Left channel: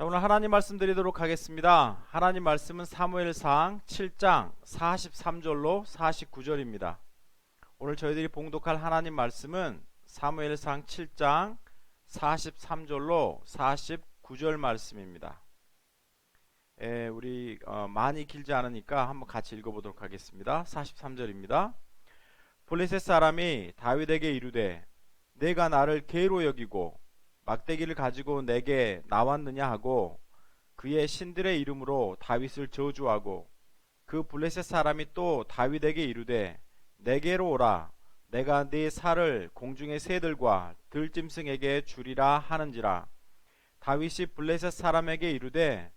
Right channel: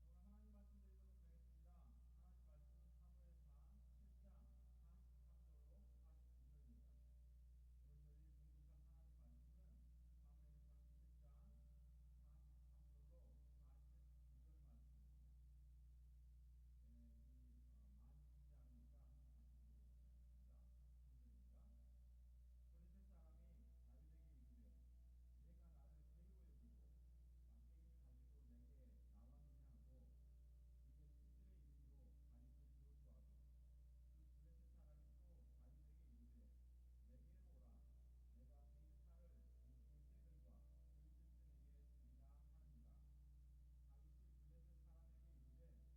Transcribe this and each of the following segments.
자, 오늘 하나님 말씀 드리도록 하겠습니다. 하나님 말씀은 사무엘상 7장 43절로 49절입니다. 오늘 저희들이 봉독할 하나님 말씀은 사무엘상 7장 43절로 49절 말씀입니다. 우리 많이 길지 않으니까 한번 같이 읽어보도록 하겠습니다. 43절입니다. 블레셋 사람이 다윗에게 이르되 내가 나를 개로 여기고 막대기를 가지고 내게 나왔느냐 하고 그의 신들의 이름으로 다윗을 저주하고 그 블레셋 사람이 또 다윗에게 이르되 내게로 오라 내가 네 살을 공중의 새들과 들짐승에게 주리라 하는지라. 다윗이 블레셋 사람에게 이르되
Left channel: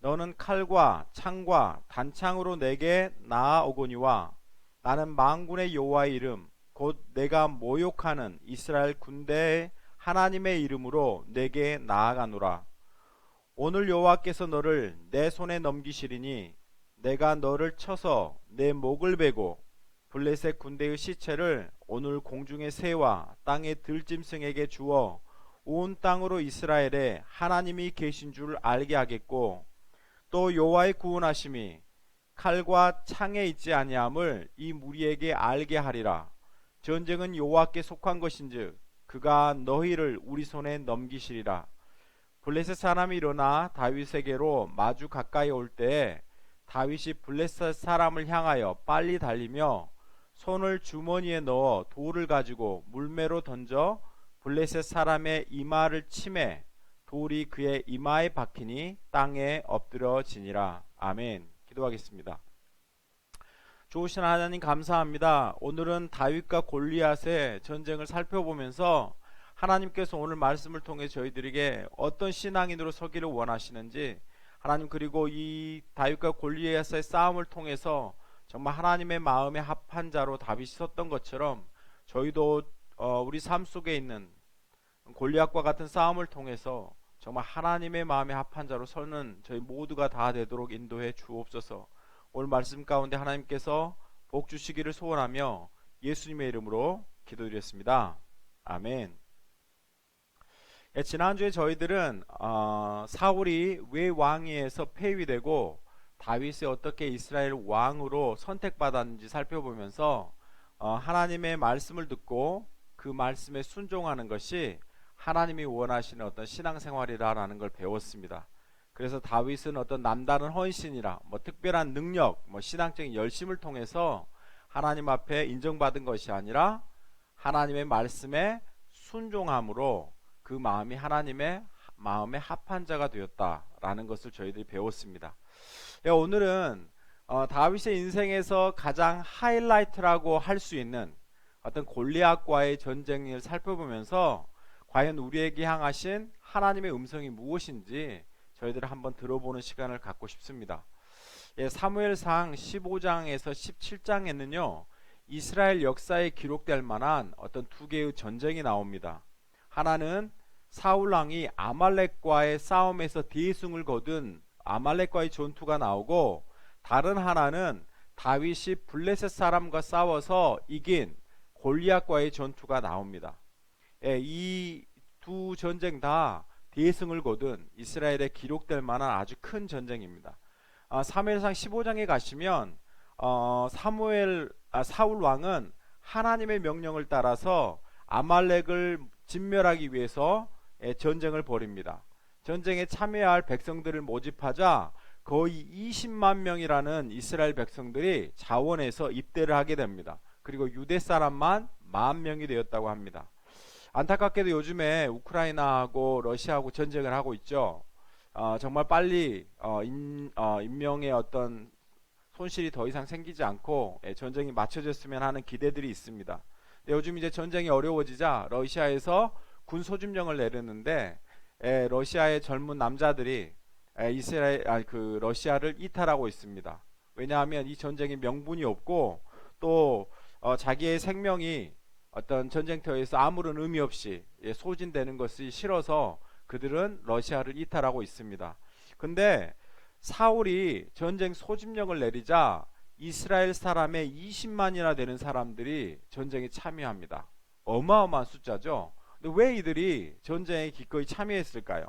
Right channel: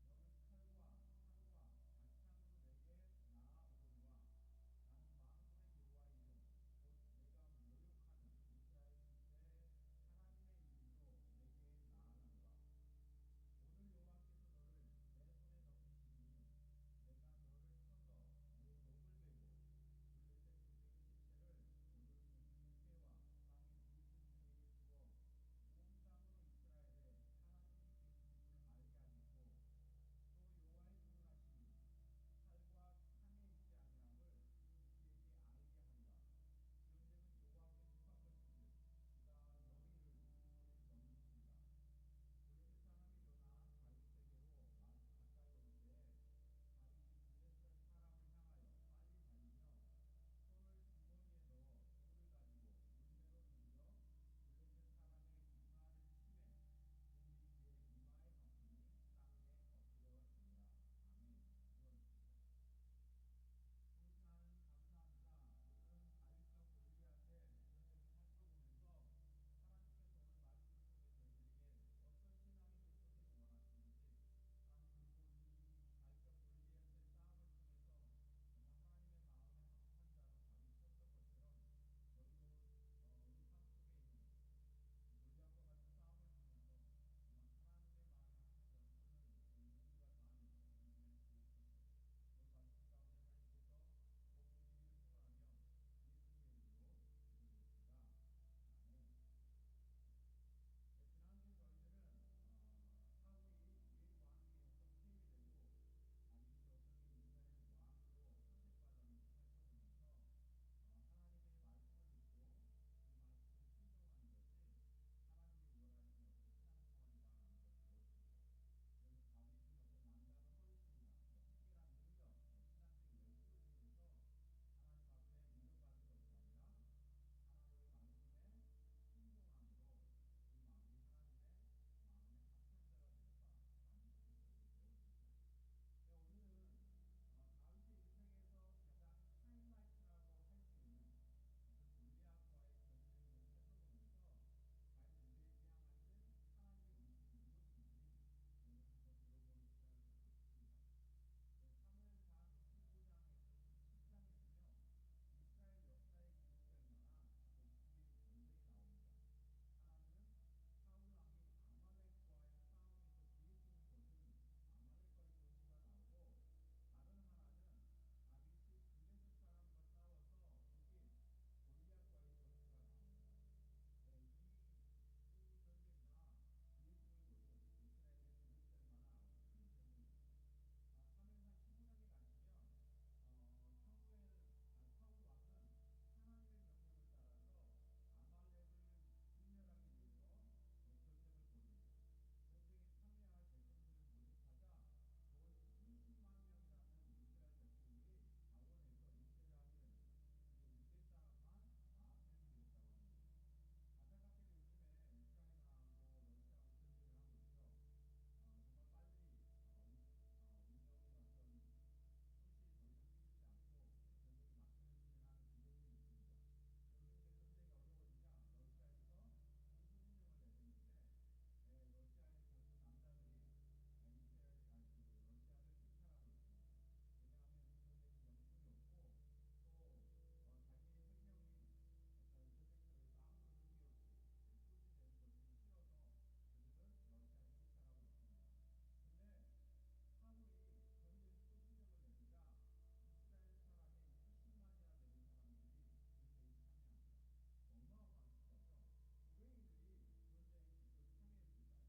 너는 칼과 창과 단창으로 내게 나아오거니와 나는 만군의 여호와의 이름 곧 내가 모욕하는 이스라엘 군대의 하나님의 이름으로 내게 나아가노라. 오늘 여호와께서 너를 내 손에 넘기시리니 내가 너를 쳐서 내 목을 베고 블레셋 군대의 시체를 오늘 공중의 새와 땅의 들짐승에게 주어 온 땅으로 이스라엘에 하나님이 계신 줄 알게 하겠고 또 여호와의 구원하심이 칼과 창에 있지 아니함을 이 무리에게 알게 하리라. 전쟁은 여호와께 속한 것인즉 그가 너희를 우리 손에 넘기시리라. 블레셋 사람이 일어나 다윗에게로 마주 가까이 올 때에 다윗이 블레셋 사람을 향하여 빨리 달리며 손을 주머니에 넣어 돌을 가지고 물매로 던져 블레셋 사람의 이마를 치매 돌이 그의 이마에 박히니 땅에 엎드러지니라. 아멘. 기도하겠습니다. 좋으신 하나님 감사합니다. 오늘은 다윗과 골리앗의 전쟁을 살펴보면서 하나님께서 오늘 말씀을 통해 저희들에게 어떤 신앙인으로 서기를 원하시는지, 하나님, 그리고 이 다윗과 골리앗의 싸움을 통해서 정말 하나님의 마음에 합한 자로 다윗이 섰던 것처럼 저희도 우리 삶 속에 있는 골리앗과 같은 싸움을 통해서 정말 하나님의 마음에 합한 자로 서는 저희 모두가 다 되도록 인도해 주옵소서. 오늘 말씀 가운데 하나님께서 복 주시기를 소원하며 예수님의 이름으로 기도드렸습니다. 아멘. 지난주에 저희들은 사울이 왜 왕위에서 폐위되고 다윗이 어떻게 이스라엘 왕으로 선택받았는지 살펴보면서 하나님의 말씀을 듣고 그 말씀에 순종하는 것이 하나님이 원하시는 어떤 신앙생활이라는 걸 배웠습니다. 그래서 다윗은 어떤 남다른 헌신이라 특별한 능력, 신앙적인 열심을 통해서 하나님 앞에 인정받은 것이 아니라 하나님의 말씀에 순종함으로 그 마음이 하나님의 마음에 합한 자가 되었다라는 것을 저희들이 배웠습니다. 오늘은 다윗의 인생에서 가장 하이라이트라고 할 수 있는 어떤 골리앗과의 전쟁을 살펴보면서 과연 우리에게 향하신 하나님의 음성이 무엇인지 저희들을 한번 들어보는 시간을 갖고 싶습니다. 사무엘상 15장에서 17장에는요 이스라엘 역사에 기록될 만한 어떤 두 개의 전쟁이 나옵니다. 하나는 사울 왕이 아말렉과의 싸움에서 대승을 거둔 아말렉과의 전투가 나오고, 다른 하나는 다윗이 블레셋 사람과 싸워서 이긴 골리앗과의 전투가 나옵니다. 이 두 전쟁 다 대승을 거둔 이스라엘에 기록될 만한 아주 큰 전쟁입니다. 사무엘상 15장에 가시면 사울 왕은 하나님의 명령을 따라서 아말렉을 진멸하기 위해서 전쟁을 벌입니다. 전쟁에 참여할 백성들을 모집하자 거의 20만 명이라는 이스라엘 백성들이 자원해서 입대를 하게 됩니다. 그리고 유대 사람만 10,000명이 되었다고 합니다. 안타깝게도 요즘에 우크라이나하고 러시아하고 전쟁을 하고 있죠. 정말 빨리 인명의 어떤 손실이 더 이상 생기지 않고 전쟁이 맞춰졌으면 하는 기대들이 있습니다. 요즘 이제 전쟁이 어려워지자 러시아에서 군 소집령을 내렸는데 러시아의 젊은 남자들이 러시아를 이탈하고 있습니다. 왜냐하면 이 전쟁에 명분이 없고 또 자기의 생명이 어떤 전쟁터에서 아무런 의미 없이 소진되는 것이 싫어서 그들은 러시아를 이탈하고 있습니다. 근데 사울이 전쟁 소집령을 내리자 이스라엘 사람의 20만이나 되는 사람들이 전쟁에 참여합니다. 어마어마한 숫자죠. 근데 왜 이들이 전쟁에 기꺼이 참여했을까요?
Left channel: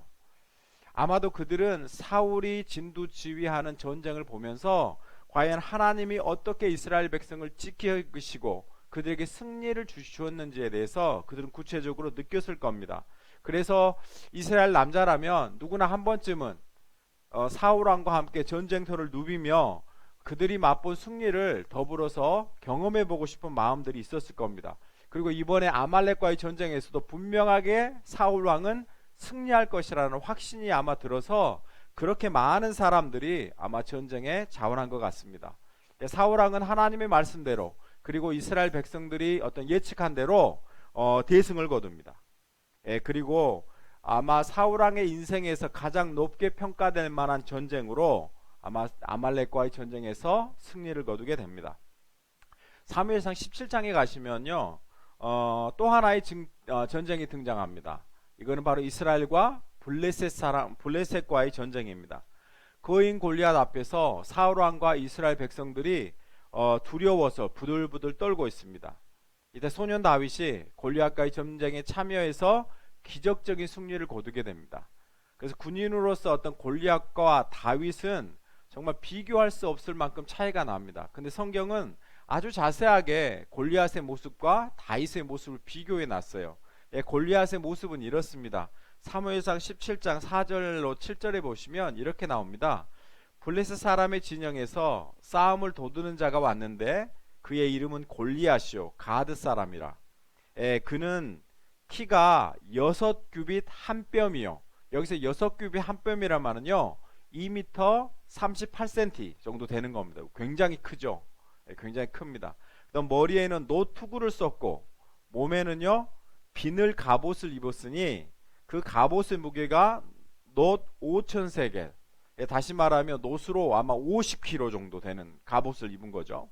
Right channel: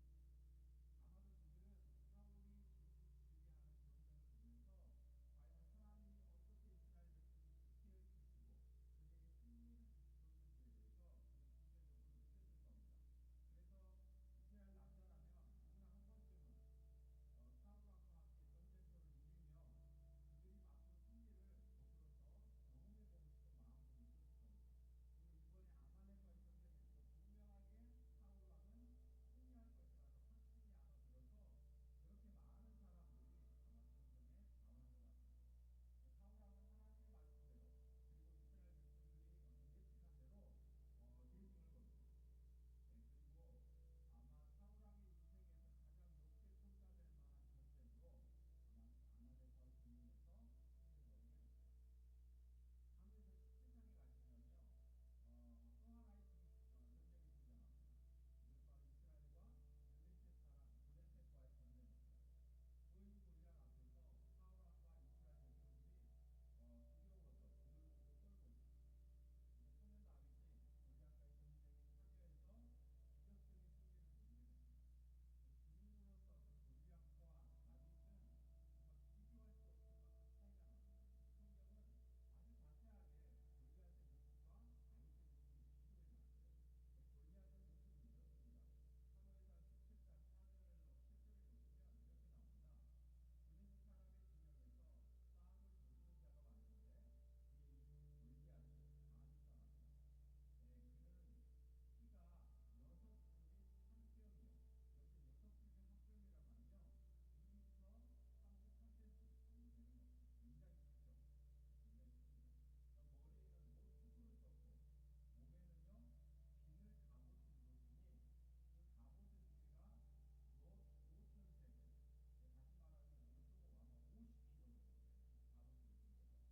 아마도 그들은 사울이 진두지휘하는 전쟁을 보면서 과연 하나님이 어떻게 이스라엘 백성을 지키시고 그들에게 승리를 주셨는지에 대해서 그들은 구체적으로 느꼈을 겁니다. 그래서 이스라엘 남자라면 누구나 한 번쯤은 사울 왕과 함께 전쟁터를 누비며 그들이 맛본 승리를 더불어서 경험해 보고 싶은 마음들이 있었을 겁니다. 그리고 이번에 아말렉과의 전쟁에서도 분명하게 사울 왕은 승리할 것이라는 확신이 아마 들어서 그렇게 많은 사람들이 아마 전쟁에 자원한 것 같습니다. 사울 왕은 하나님의 말씀대로 그리고 이스라엘 백성들이 어떤 예측한 대로 대승을 거둡니다. 그리고 아마 사울 왕의 인생에서 가장 높게 평가될 만한 전쟁으로 아마 아말렉과의 전쟁에서 승리를 거두게 됩니다. 사무엘상 17장에 가시면요, 또 하나의 전쟁이 등장합니다. 이거는 바로 이스라엘과 블레셋과의 전쟁입니다. 거인 골리앗 앞에서 사울 왕과 이스라엘 백성들이 두려워서 부들부들 떨고 있습니다. 이때 소년 다윗이 골리앗과의 전쟁에 참여해서 기적적인 승리를 거두게 됩니다. 그래서 군인으로서 어떤 골리앗과 다윗은 정말 비교할 수 없을 만큼 차이가 납니다. 근데 성경은 아주 자세하게 골리앗의 모습과 다윗의 모습을 비교해 놨어요. 골리앗의 모습은 이렇습니다. 사무엘상 17장 4절로 7절에 보시면 이렇게 나옵니다. 블레셋 사람의 진영에서 싸움을 도두는 자가 왔는데 그의 이름은 골리앗이요 가드 사람이라. 그는 키가 6규빗 한 뼘이요. 여기서 6규빗 한 뼘이란 말은요 2m 38cm 정도 되는 겁니다. 굉장히 크죠. 굉장히 큽니다. 그다음 머리에는 노투구를 썼고 몸에는요 비늘 갑옷을 입었으니 그 갑옷의 무게가 놋 5,000세겔, 다시 말하면 놋으로 아마 50kg 정도 되는 갑옷을 입은 거죠.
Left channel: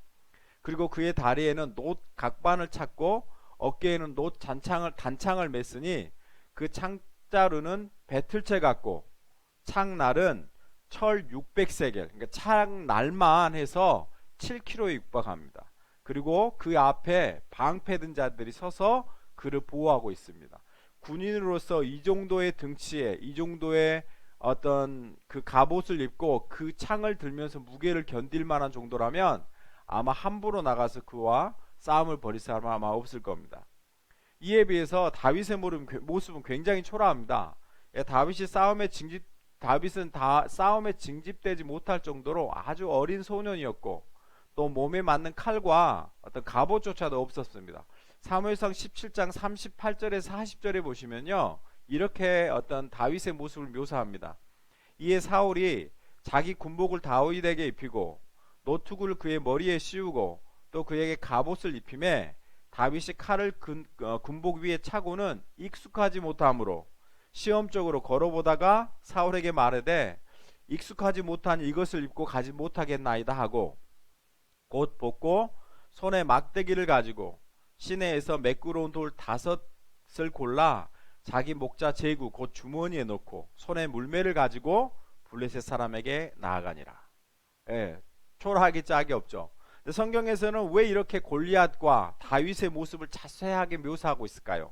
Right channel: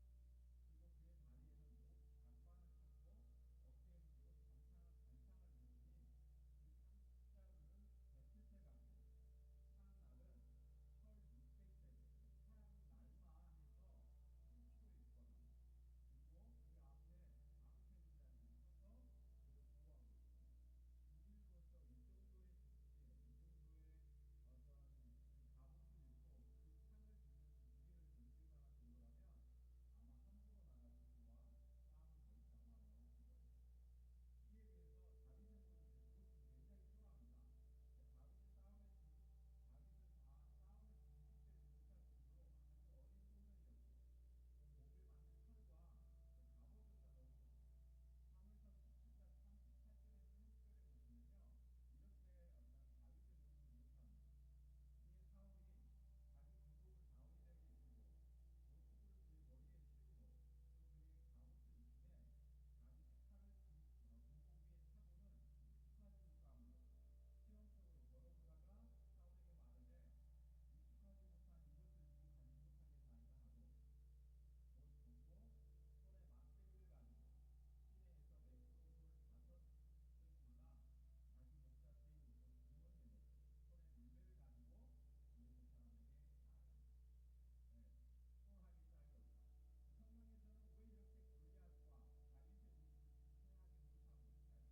그리고 그의 다리에는 놋 각반을 찼고 어깨에는 놋 단창을 맸으니 그 창자루는 배틀채 같고 창날은 철 600세겔, 그러니까 창날만 해서 7kg에 육박합니다. 그리고 그 앞에 방패 든 자들이 서서 그를 보호하고 있습니다. 군인으로서 이 정도의 등치에 이 정도의 어떤 그 갑옷을 입고 그 창을 들면서 무게를 견딜 만한 정도라면 아마 함부로 나가서 그와 싸움을 벌일 사람은 아마 없을 겁니다. 이에 비해서 다윗의 모습은 굉장히 초라합니다. 다윗은 싸움에 징집되지 못할 정도로 아주 어린 소년이었고 또 몸에 맞는 칼과 어떤 갑옷조차도 없었습니다. 사무엘상 17장 38절에서 40절에 보시면요 이렇게 어떤 다윗의 모습을 묘사합니다. 이에 사울이 자기 군복을 다윗에게 입히고 노투구를 그의 머리에 씌우고 또 그에게 갑옷을 입히매 다윗이 칼을 군복 위에 차고는 익숙하지 못하므로 시험적으로 걸어보다가 사울에게 말하되 익숙하지 못한 이것을 입고 가지 못하겠나이다 하고 곧 벗고 손에 막대기를 가지고 시내에서 매끄러운 돌 5을 골라 자기 목자 제구 곧 주머니에 넣고 손에 물매를 가지고 블레셋 사람에게 나아가니라. 초라하기 짝이 없죠. 근데 성경에서는 왜 이렇게 골리앗과 다윗의 모습을 자세하게 묘사하고 있을까요?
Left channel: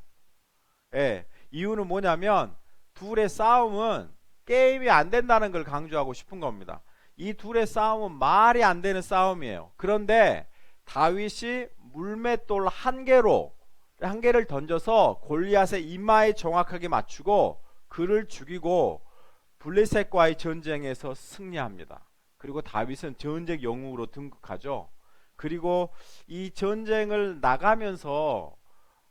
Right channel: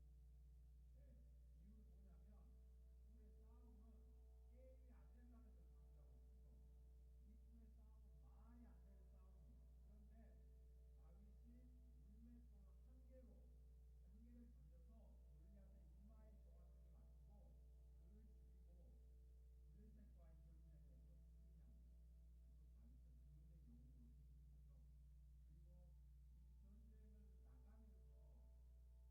이유는 뭐냐면 둘의 싸움은 게임이 안 된다는 걸 강조하고 싶은 겁니다. 이 둘의 싸움은 말이 안 되는 싸움이에요. 그런데 다윗이 물맷돌 한 개를 던져서 골리앗의 이마에 정확하게 맞추고 그를 죽이고 블레셋과의 전쟁에서 승리합니다. 그리고 다윗은 전쟁 영웅으로 등극하죠. 그리고 이 전쟁을 나가면서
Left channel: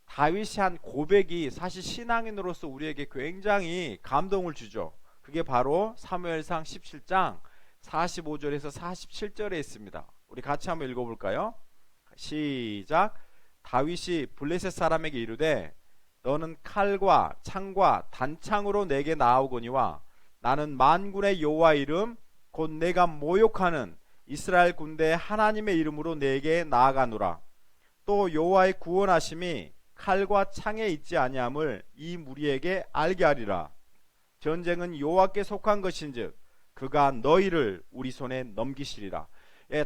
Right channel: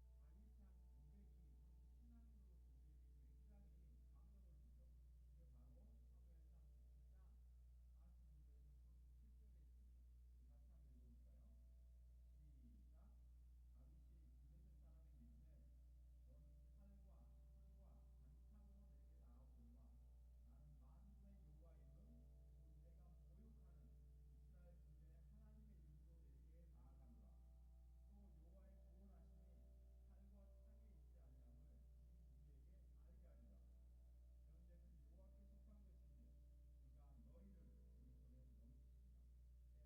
다윗이 한 고백이 사실 신앙인으로서 우리에게 굉장히 감동을 주죠. 그게 바로 사무엘상 17장 45절에서 47절에 있습니다. 우리 같이 한번 읽어볼까요? 시작. 다윗이 블레셋 사람에게 이르되 너는 칼과 창과 단창으로 내게 나아오거니와 나는 만군의 여호와 이름 곧 내가 모욕하는 이스라엘 군대의 하나님의 이름으로 내게 나아가노라. 또 여호와의 구원하심이 칼과 창에 있지 아니함을 이 무리에게 알게 하리라. 전쟁은 여호와께 속한 것인즉 그가 너희를 우리 손에 넘기시리라.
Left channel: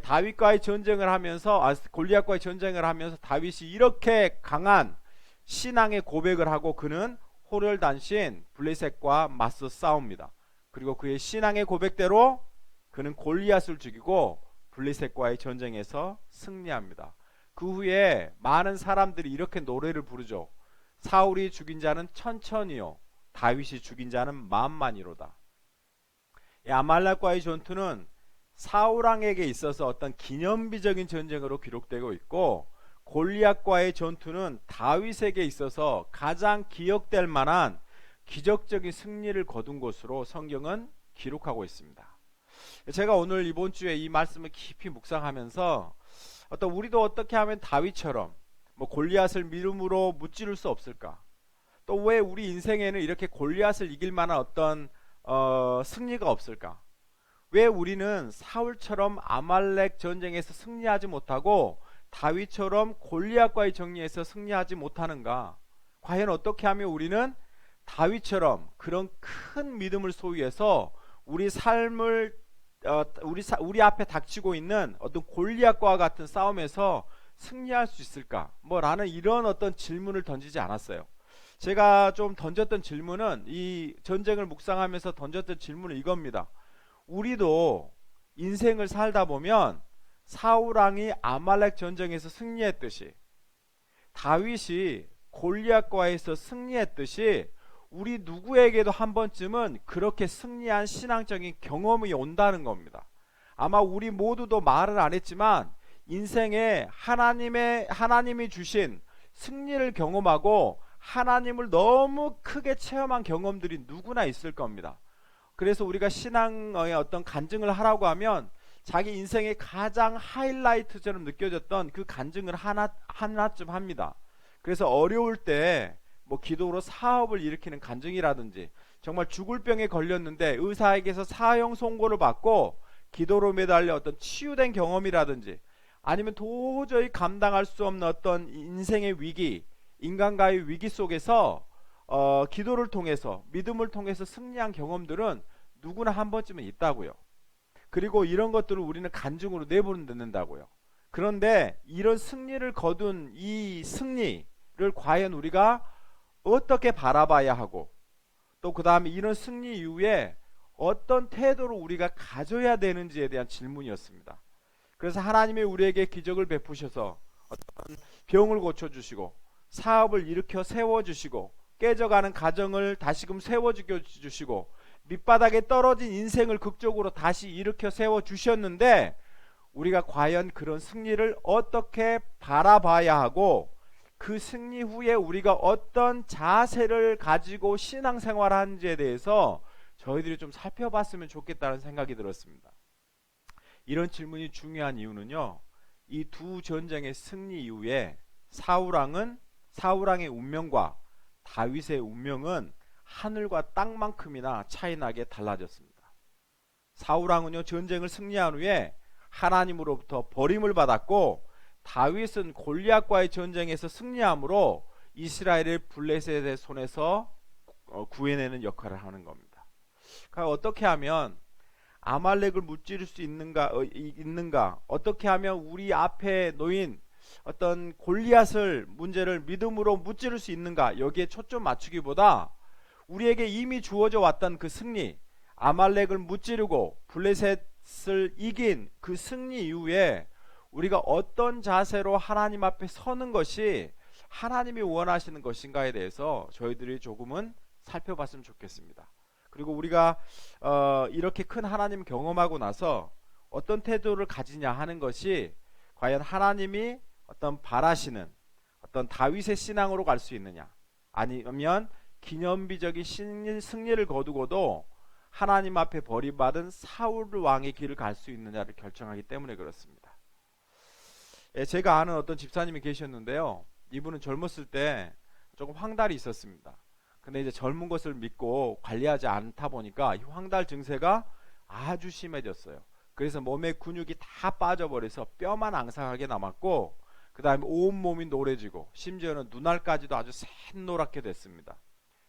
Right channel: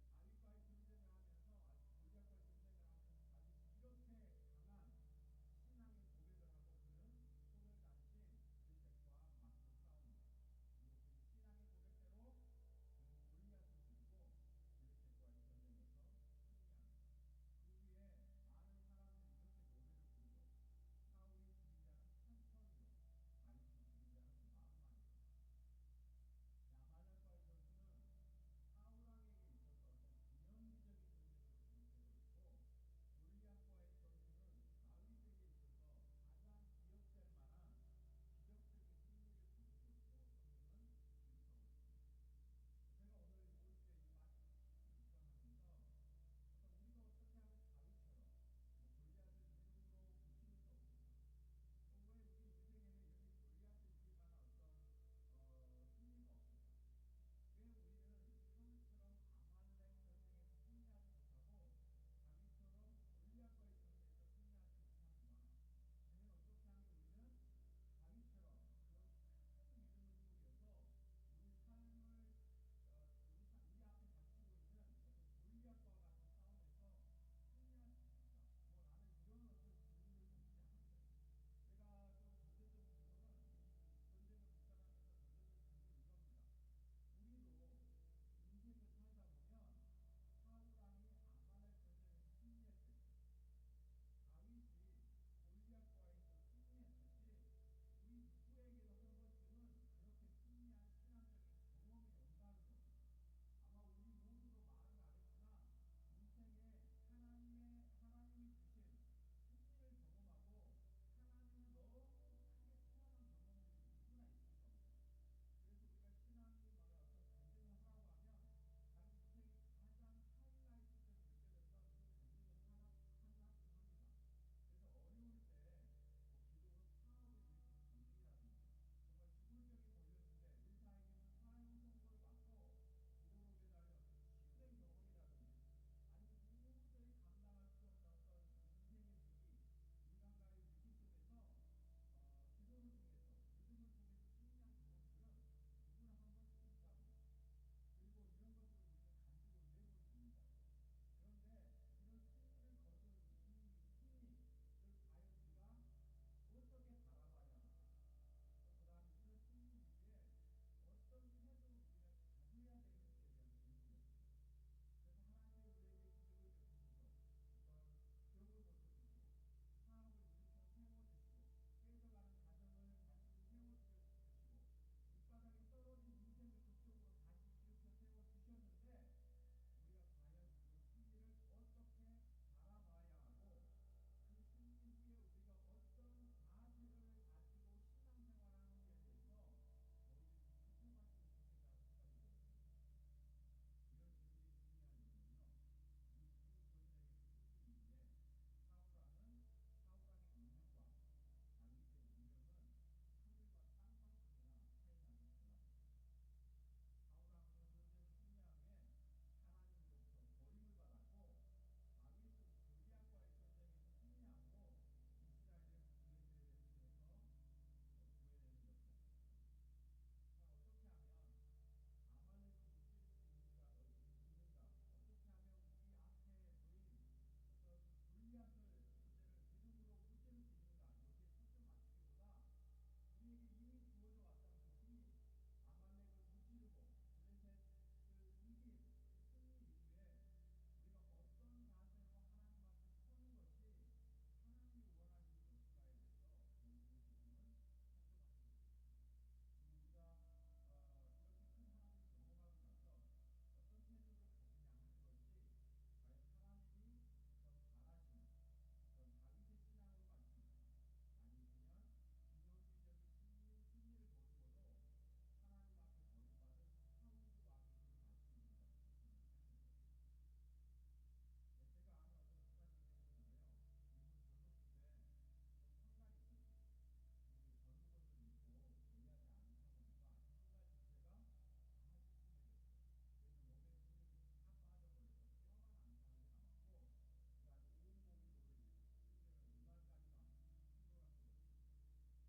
다윗과의 전쟁을 하면서 골리앗과의 전쟁을 하면서 다윗이 이렇게 강한 신앙의 고백을 하고 그는 호련단신 블레셋과 맞서 싸웁니다. 그리고 그의 신앙의 고백대로 그는 골리앗을 죽이고 블레셋과의 전쟁에서 승리합니다. 그 후에 많은 사람들이 이렇게 노래를 부르죠. 사울이 죽인 자는 천천히요, 다윗이 죽인 자는 만만이로다. 이 아말렉과의 전투는 사울 왕에게 있어서 어떤 기념비적인 전쟁으로 기록되고 있고, 골리앗과의 전투는 다윗에게 있어서 가장 기억될 만한 기적적인 승리를 거둔 것으로 성경은 기록하고 있습니다. 제가 오늘 이번 주에 이 말씀을 깊이 묵상하면서 우리도 어떻게 하면 다윗처럼 골리앗을 믿음으로 무찌를 수 없을까? 또 왜 우리 인생에는 이렇게 골리앗을 이길 만한 어떤 승리가 없을까? 왜 우리는 사울처럼 아말렉 전쟁에서 승리하지 못하고 다윗처럼 골리앗과의 정리에서 승리하지 못하는가? 과연 어떻게 하면 우리는 다윗처럼 그런 큰 믿음을 소유해서 우리 삶을 우리 앞에 닥치고 있는 어떤 골리앗과 같은 싸움에서 승리할 수 있을까? 라는 이런 어떤 질문을 던지지 않았어요. 제가 좀 던졌던 질문은, 이 전쟁을 묵상하면서 던졌던 질문은 이겁니다. 우리도 인생을 살다 보면 사울 왕이 아말렉 전쟁에서 승리했듯이, 다윗이 골리앗과에서 승리했듯이, 우리 누구에게도 한 번쯤은 그렇게 승리한 신앙적인 경험이 온다는 겁니다. 아마 우리 모두도 말을 안 했지만 인생에 하나님이 주신 승리를 경험하고 하나님을 너무 크게 체험한 경험들이 누구나 있을 겁니다. 그래서 우리가 신앙의 어떤 간증을 하라고 하면 자기 인생의 가장 하이라이트처럼 느껴졌던 그 간증을 하나쯤 합니다. 그래서 어려울 때 기도로 사업을 일으키는 간증이라든지, 정말 죽을 병에 걸렸는데 의사에게서 사형 선고를 받고 기도로 매달려 어떤 치유된 경험이라든지, 아니면 도저히 감당할 수 없는 어떤 인생의 위기, 인간과의 위기 속에서 기도를 통해서, 믿음을 통해서 승리한 경험들은 누구나 한 번쯤은 있다고요. 그리고 이런 것들을 우리는 간증으로 내보낸다고요. 그런데 이런 승리를 거둔 이 승리를 과연 우리가 어떻게 바라봐야 하고, 또 그 다음에 이런 승리 이후에 어떤 태도를 우리가 가져야 되는지에 대한 질문이었습니다. 그래서 하나님이 우리에게 기적을 베푸셔서 어떤 병을 고쳐주시고, 사업을 일으켜 세워주시고, 깨져가는 가정을 다시금 세워주시고, 밑바닥에 떨어진 인생을 극적으로 다시 일으켜 세워주셨는데, 우리가 과연 그런 승리를 어떻게 바라봐야 하고, 그 승리 후에 우리가 어떤 자세를 가지고 신앙생활을 하는지에 대해서 저희들이 좀 살펴봤으면 좋겠다는 생각이 들었습니다. 이런 질문이 중요한 이유는요, 이 두 전쟁의 승리 이후에 사울왕의 운명과 다윗의 운명은 하늘과 땅만큼이나 차이나게 달라졌습니다. 사울왕은요, 전쟁을 승리한 후에 하나님으로부터 버림을 받았고, 다윗은 골리앗과의 전쟁에서 승리함으로 이스라엘을 블레셋의 손에서 구해내는 역할을 하는 겁니다. 그러니까 어떻게 하면 아말렉을 무찌를 수 있는가? 어떻게 하면 우리 앞에 놓인 어떤 골리앗을 문제를 믿음으로 무찌를 수 있는가? 여기에 초점 맞추기보다 우리에게 이미 주어져 왔던 그 승리, 아말렉을 무찌르고 블레셋을 이긴 그 승리 이후에 우리가 어떤 자세로 하나님 앞에 서는 것이 하나님이 원하시는 것인가에 대해서 저희들이 조금은 살펴봤으면 좋겠습니다. 그리고 우리가 이렇게 큰 하나님 경험하고 나서 어떤 태도를 가지냐 하는 것이 과연 하나님이 어떤 바라시는 어떤 다윗의 신앙으로 갈 수 있느냐, 아니면 기념비적인 승리를 거두고도 하나님 앞에 버림받은 사울 왕의 길을 갈 수 있느냐를 결정하기 때문에 그렇습니다. 제가 아는 어떤 집사님이 계셨는데요, 이분은 젊었을 때 조금 황달이 있었습니다. 근데 이제 젊은 것을 믿고 관리하지 않다 보니까 이 황달 증세가 아주 심해졌어요. 그래서 몸의 근육이 다 빠져버려서 뼈만 앙상하게 남았고, 그 다음에 온몸이 노래지고 심지어는 눈알까지도 아주 샛노랗게 됐습니다.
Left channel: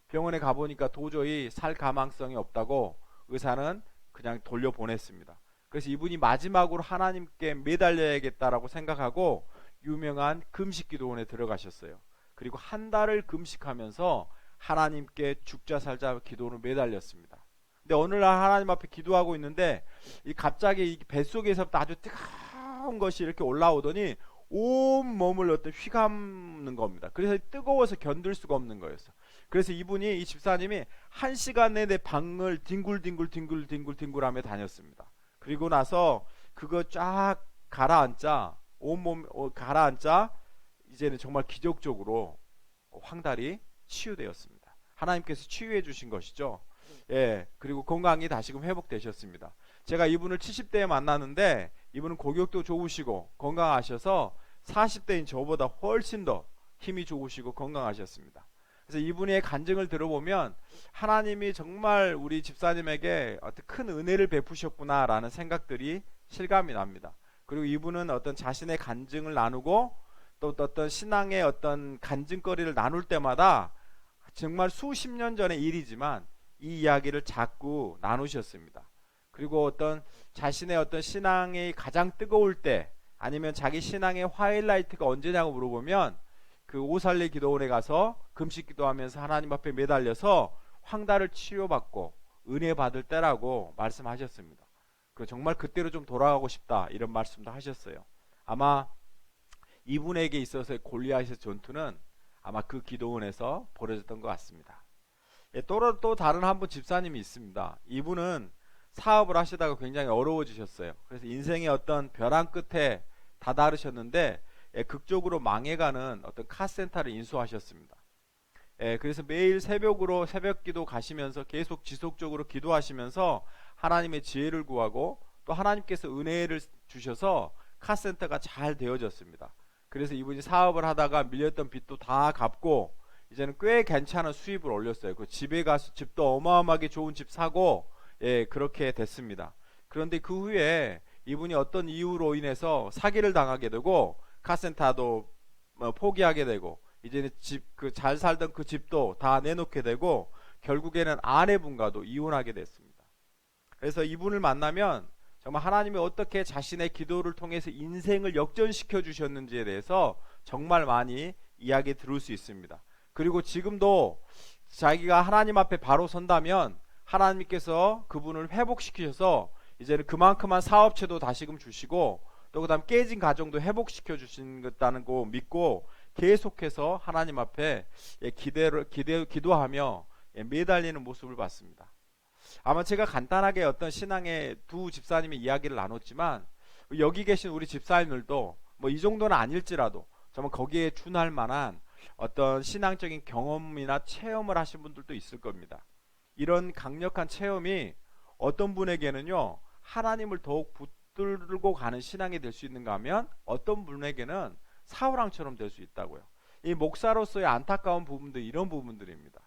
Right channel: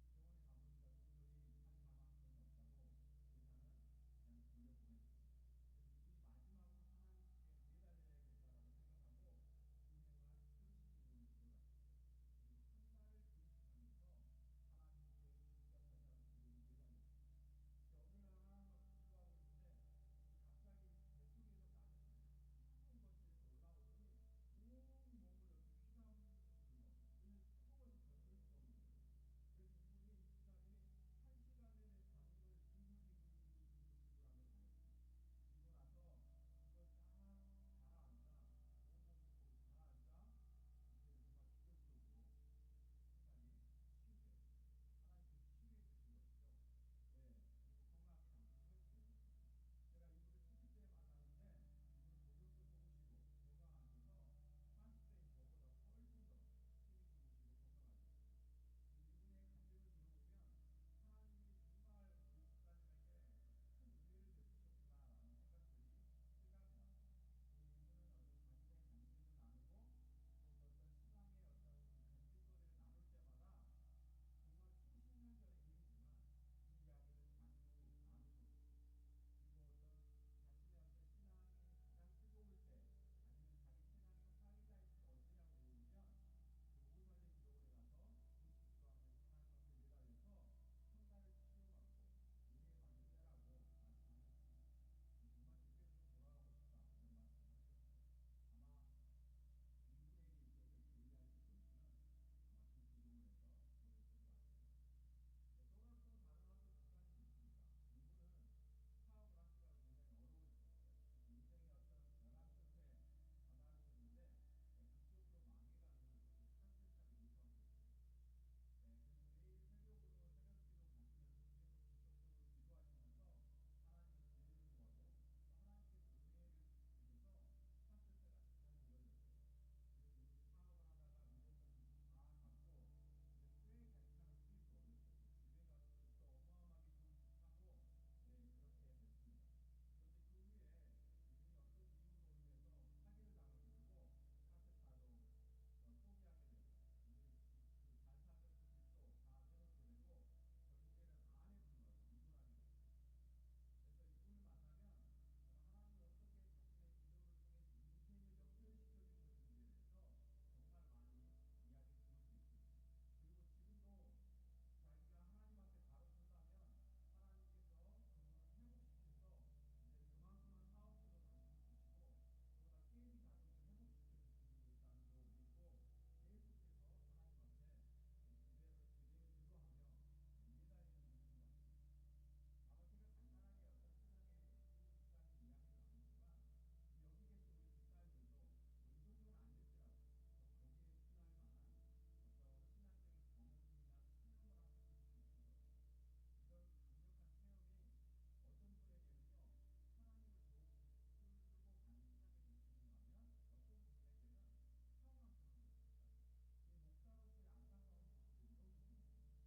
병원에 가보니까 도저히 살 가망성이 없다고 의사는 그냥 돌려보냈습니다. 그래서 이분이 마지막으로 하나님께 매달려야겠다라고 생각하고 유명한 금식기도원에 들어가셨어요. 그리고 한 달을 금식하면서 하나님께 죽자 살자 기도로 매달렸습니다. 근데 어느 날 하나님 앞에 기도하고 있는데 이 갑자기 이 뱃속에서부터 아주 뜨거운 것이 이렇게 올라오더니 온 몸을 어떤 휘감는 겁니다. 그래서 뜨거워서 견딜 수가 없는 거였어. 그래서 이분이 이 집사님이 1시간 내내 방을 뒹굴뒹굴 다녔습니다. 그리고 나서 그거 쫙 가라앉자 온몸 가라앉자 이제는 정말 기적적으로 황달이 치유되었습니다. 하나님께서 치유해 주신 것이죠. 예, 그리고 건강이 다시금 회복되셨습니다. 제가 이분을 70대에 만났는데 이분은 고격도 좋으시고 건강하셔서 40대인 저보다 훨씬 더 힘이 좋으시고 건강하셨습니다. 그래서 이분의 간증을 들어보면 하나님이 정말 우리 집사님에게 어떤 큰 은혜를 베푸셨구나라는 생각들이 실감이 납니다. 그리고 이분은 어떤 자신의 간증을 나누고 또 어떤 신앙의 어떤 간증거리를 나눌 때마다 정말 수십 년 전의 일이지만 이 이야기를 자꾸 나누셨습니다. 그리고 어떤 자신의 어떤 신앙이 가장 뜨거울 때 아니면 자기 신앙의 하이라이트가 언제냐고 물어보면 그 오살리 기도원에 가서 금식 기도하면서 하나님 앞에 매달려서 황달을 치료받고 은혜 받을 때라고 말씀하셨습니다. 정말 그때로 좀 돌아가고 싶다 이런 말씀도 하셨어요. 아마 이분에게 있어서의 골리앗의 전투는 아마 그 기도원에서 벌어졌던 것 같습니다. 예, 또 다른 한 분 집사님이 있습니다. 이분은 사업을 하시다가 굉장히 어려워지셨어요. 그래서 인생의 어떤 벼랑 끝에 다다르셨는데 극적으로 망해가는 어떤 카센터를 인수하셨습니다. 그래서 매일 새벽으로 새벽기도 가시면서 계속 지속적으로 기도하시면서 하나님의 지혜를 구하고 또 하나님께서 은혜를 주셔서 카센터가 잘 되어졌습니다. 그래서 이분이 사업을 하다가 밀렸던 빚도 다 갚고 이제는 꽤 괜찮은 수입을 올렸어요. 그 집에 가서 집도 어마어마하게 좋은 집 사고 그렇게 됐습니다. 그런데 그 후에 이분이 어떤 이유로 인해서 사기를 당하게 되고 카센터도 포기하게 되고 이제는 그 잘 살던 그 집도 다 내놓게 되고 결국에는 아내분과도 이혼하게 됐습니다. 그래서 이분을 만나면 정말 하나님이 어떻게 자신의 기도를 통해서 인생을 역전시켜 주셨는지에 대해서 정말 많이 이야기 들을 수 있습니다. 그리고 지금도 자기가 하나님 앞에 바로 선다면 하나님께서 그분을 회복시키셔서 이제는 그만큼만 사업체도 다시금 주시고 또 그다음 깨진 가정도 회복시켜 주신다는 거 믿고 계속해서 하나님 앞에 기도하며 매달리는 모습을 봤습니다. 아마 제가 간단하게 어떤 신앙의 두 집사님의 이야기를 나눴지만 여기 계신 우리 집사님들도 뭐 이 정도는 아닐지라도 정말 거기에 준할 만한 어떤 신앙적인 경험이나 체험을 하신 분들도 있을 겁니다. 이런 강력한 체험이 어떤 분에게는요 하나님을 더욱 붙들고 가는 신앙이 될 수 있는가 하면 어떤 분에게는 사울왕처럼 될 수 있다고요. 이 목사로서의 안타까운 부분도 이런 부분들입니다.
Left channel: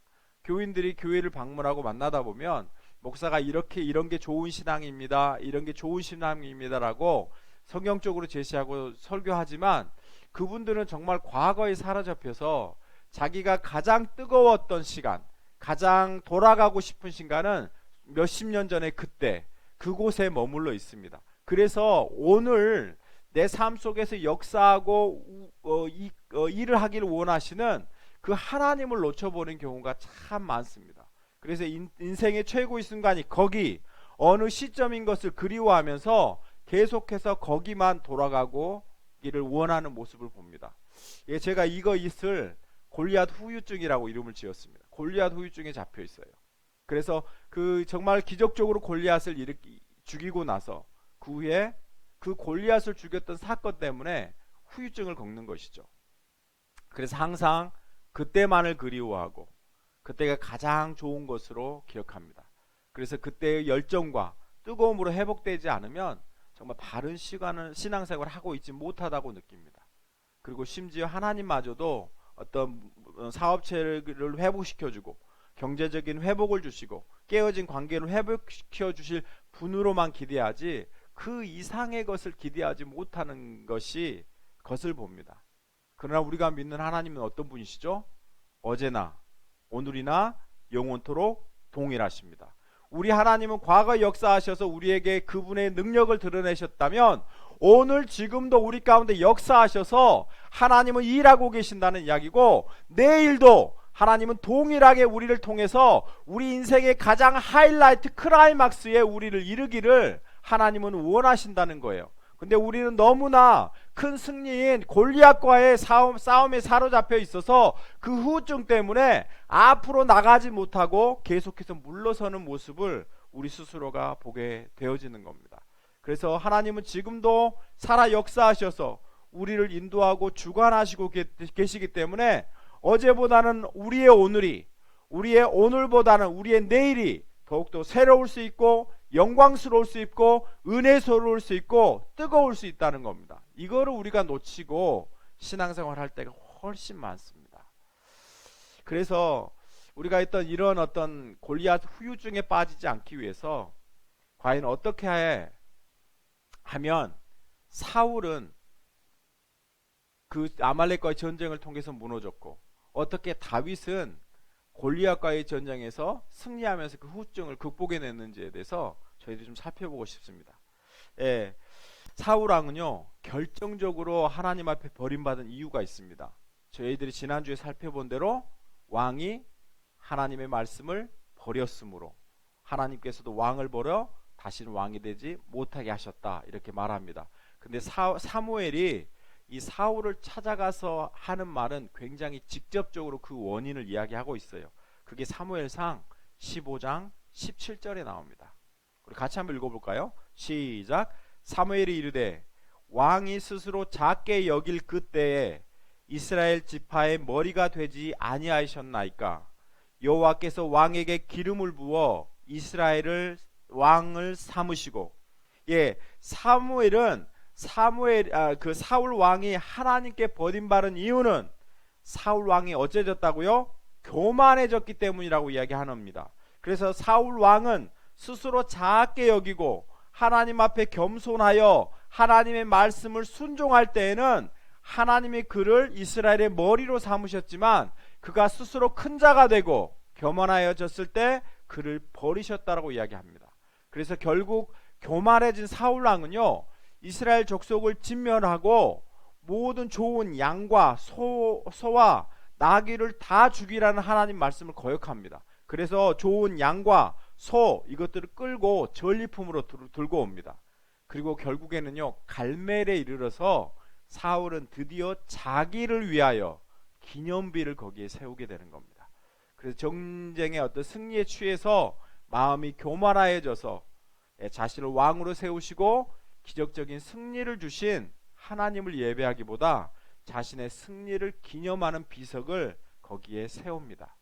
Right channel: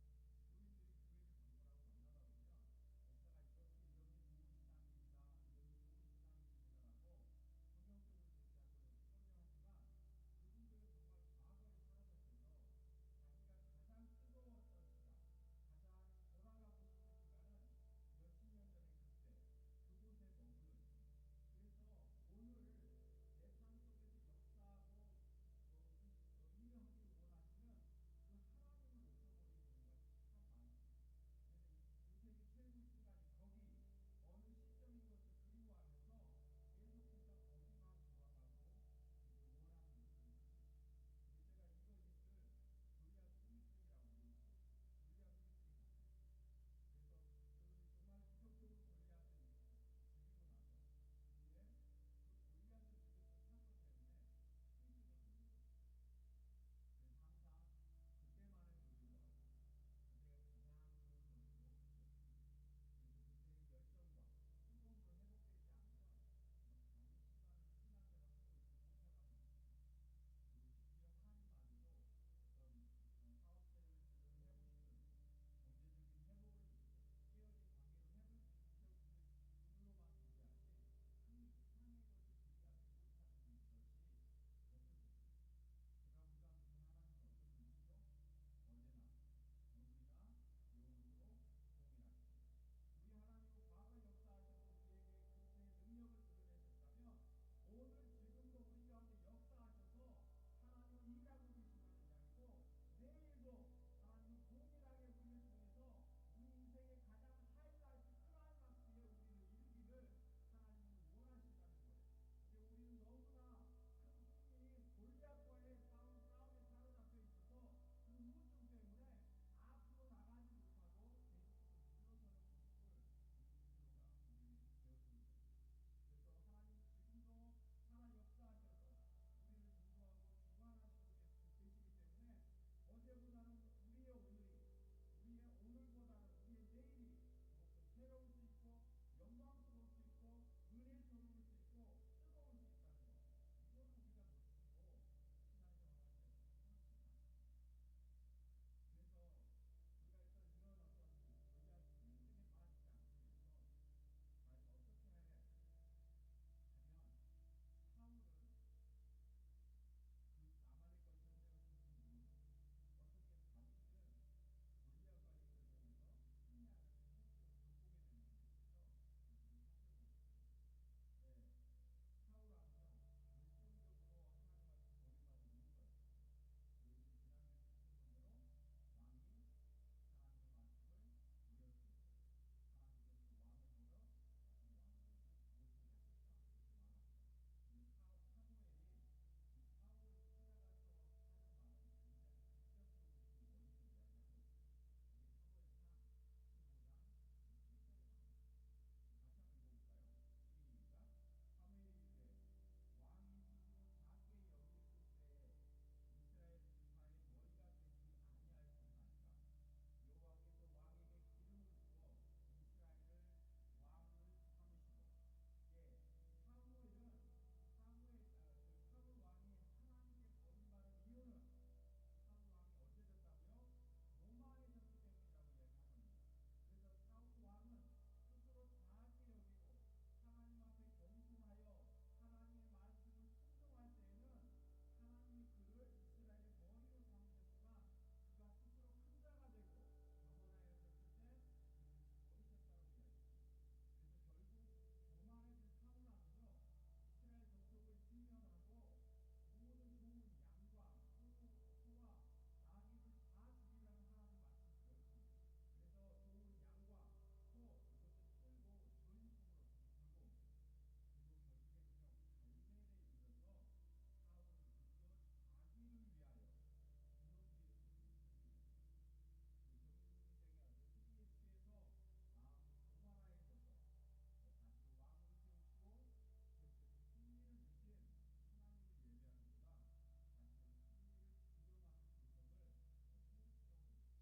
교인들이 교회를 방문하고 만나다 보면 목사가 이런 게 좋은 신앙입니다, 이런 게 좋은 신앙입니다라고 성경적으로 제시하고 설교하지만 그분들은 정말 과거에 사로잡혀서 자기가 가장 뜨거웠던 시간, 가장 돌아가고 싶은 시간은 몇십 년 전에 그때 그곳에 머물러 있습니다. 그래서 오늘 내 삶 속에서 역사하고 일을 하기를 원하시는 그 하나님을 놓쳐버린 경우가 참 많습니다. 그래서 인생의 최고의 순간이 거기 어느 시점인 것을 그리워하면서 계속해서 거기만 돌아가고 이를 원하는 모습을 봅니다. 제가 이것을 골리앗 후유증이라고 이름을 지었습니다. 골리앗 후유증에 잡혀 있어요. 그래서 그 정말 기적적으로 골리앗을 죽이고 나서 그 후에 그 골리앗을 죽였던 사건 때문에 후유증을 겪는 것이죠. 그래서 항상 그때만을 그리워하고 그때가 가장 좋은 것으로 기억합니다. 그래서 그때의 열정과 뜨거움으로 회복되지 않으면 정말 바른 신앙생활을 하고 있지 못하다고 느낍니다. 그리고 심지어 하나님마저도 어떤 사업체를 회복시켜주고 경제적인 회복을 주시고 깨어진 관계를 회복시켜 주실 분으로만 기대하지 그 이상의 것을 기대하지 못하는 것을 봅니다. 그러나 우리가 믿는 하나님은 어떤 분이시죠? 어제나 오늘이나 영원토록 동일하십니다. 우리 하나님은 과거 역사하셔서 우리에게 그분의 능력을 드러내셨다면 오늘 지금도 우리 가운데 역사하셔서 하나님은 일하고 계신다는 이야기고 내일도 하나님은 동일하게 우리를 통해서 우리 인생의 가장 하이라이트 클라이막스에 우리를 이르기를 하나님은 원하신다는 거예요. 근데 우리는 너무나 큰 승리인 골리앗과의 싸움에 사로잡혀 있어서 그 후유증 때문에 앞으로 나가지 못하고 계속해서 물러서는 모습을 우리 스스로가 보게 되어지는 겁니다. 그래서 하나님은 지금도 살아 역사하셔서 우리를 인도하고 주관하시고 계시기 때문에 어제보다는 우리의 오늘이, 우리의 오늘보다는 우리의 내일이 더욱더 새로울 수 있고 영광스러울 수 있고 은혜스러울 수 있고 뜨거울 수 있다는 겁니다. 이거를 우리가 놓치고 신앙생활 할 때가 훨씬 많습니다. 그래서 우리가 했던 이런 어떤 골리앗 후유증에 빠지지 않기 위해서 과연 어떻게 하면 사울은 그 아말렉과의 전쟁을 통해서 무너졌고 어떻게 다윗은 골리앗과의 전쟁에서 승리하면서 그 후유증을 극복해냈는지에 대해서 저희들이 좀 살펴보고 싶습니다. 예, 사울왕은요 결정적으로 하나님 앞에 버림받은 이유가 있습니다. 저희들이 지난주에 살펴본 대로 왕이 하나님의 말씀을 버렸으므로 하나님께서도 왕을 버려 다시는 왕이 되지 못하게 하셨다 이렇게 말합니다. 근데 사무엘이 이 사울을 찾아가서 하는 말은 굉장히 직접적으로 그 원인을 이야기하고 있어요. 그게 사무엘상 15장 17절에 나옵니다. 우리 같이 한번 읽어볼까요? 시작. 사무엘이 이르되 왕이 스스로 작게 여길 그때에 이스라엘 지파의 머리가 되지 아니하셨나이까? 여호와께서 왕에게 기름을 부어 이스라엘을 왕을 삼으시고, 예, 그 사울 왕이 하나님께 버림받은 이유는 사울 왕이 어째졌다고요? 교만해졌기 때문이라고 이야기합니다. 그래서 사울 왕은 스스로 작게 여기고 하나님 앞에 겸손하여 하나님의 말씀을 순종할 때에는 하나님이 그를 이스라엘의 머리로 삼으셨지만 그가 스스로 큰 자가 되고 교만하여졌을 때 그를 버리셨다라고 이야기합니다. 그래서 결국 교만해진 사울 왕은요 이스라엘 족속을 진멸하고 모든 좋은 양과 소와 나귀를 다 죽이라는 하나님 말씀을 거역합니다. 그래서 좋은 양과 소 이것들을 끌고 전리품으로 들고 옵니다. 그리고 결국에는요 갈멜에 이르러서 사울은 드디어 자기를 위하여 기념비를 거기에 세우게 되는 겁니다. 그래서 전쟁의 어떤 승리에 취해서 마음이 교만하여져서 자신을 왕으로 세우시고 기적적인 승리를 주신 하나님을 예배하기보다 자신의 승리를 기념하는 비석을 거기에 세웁니다.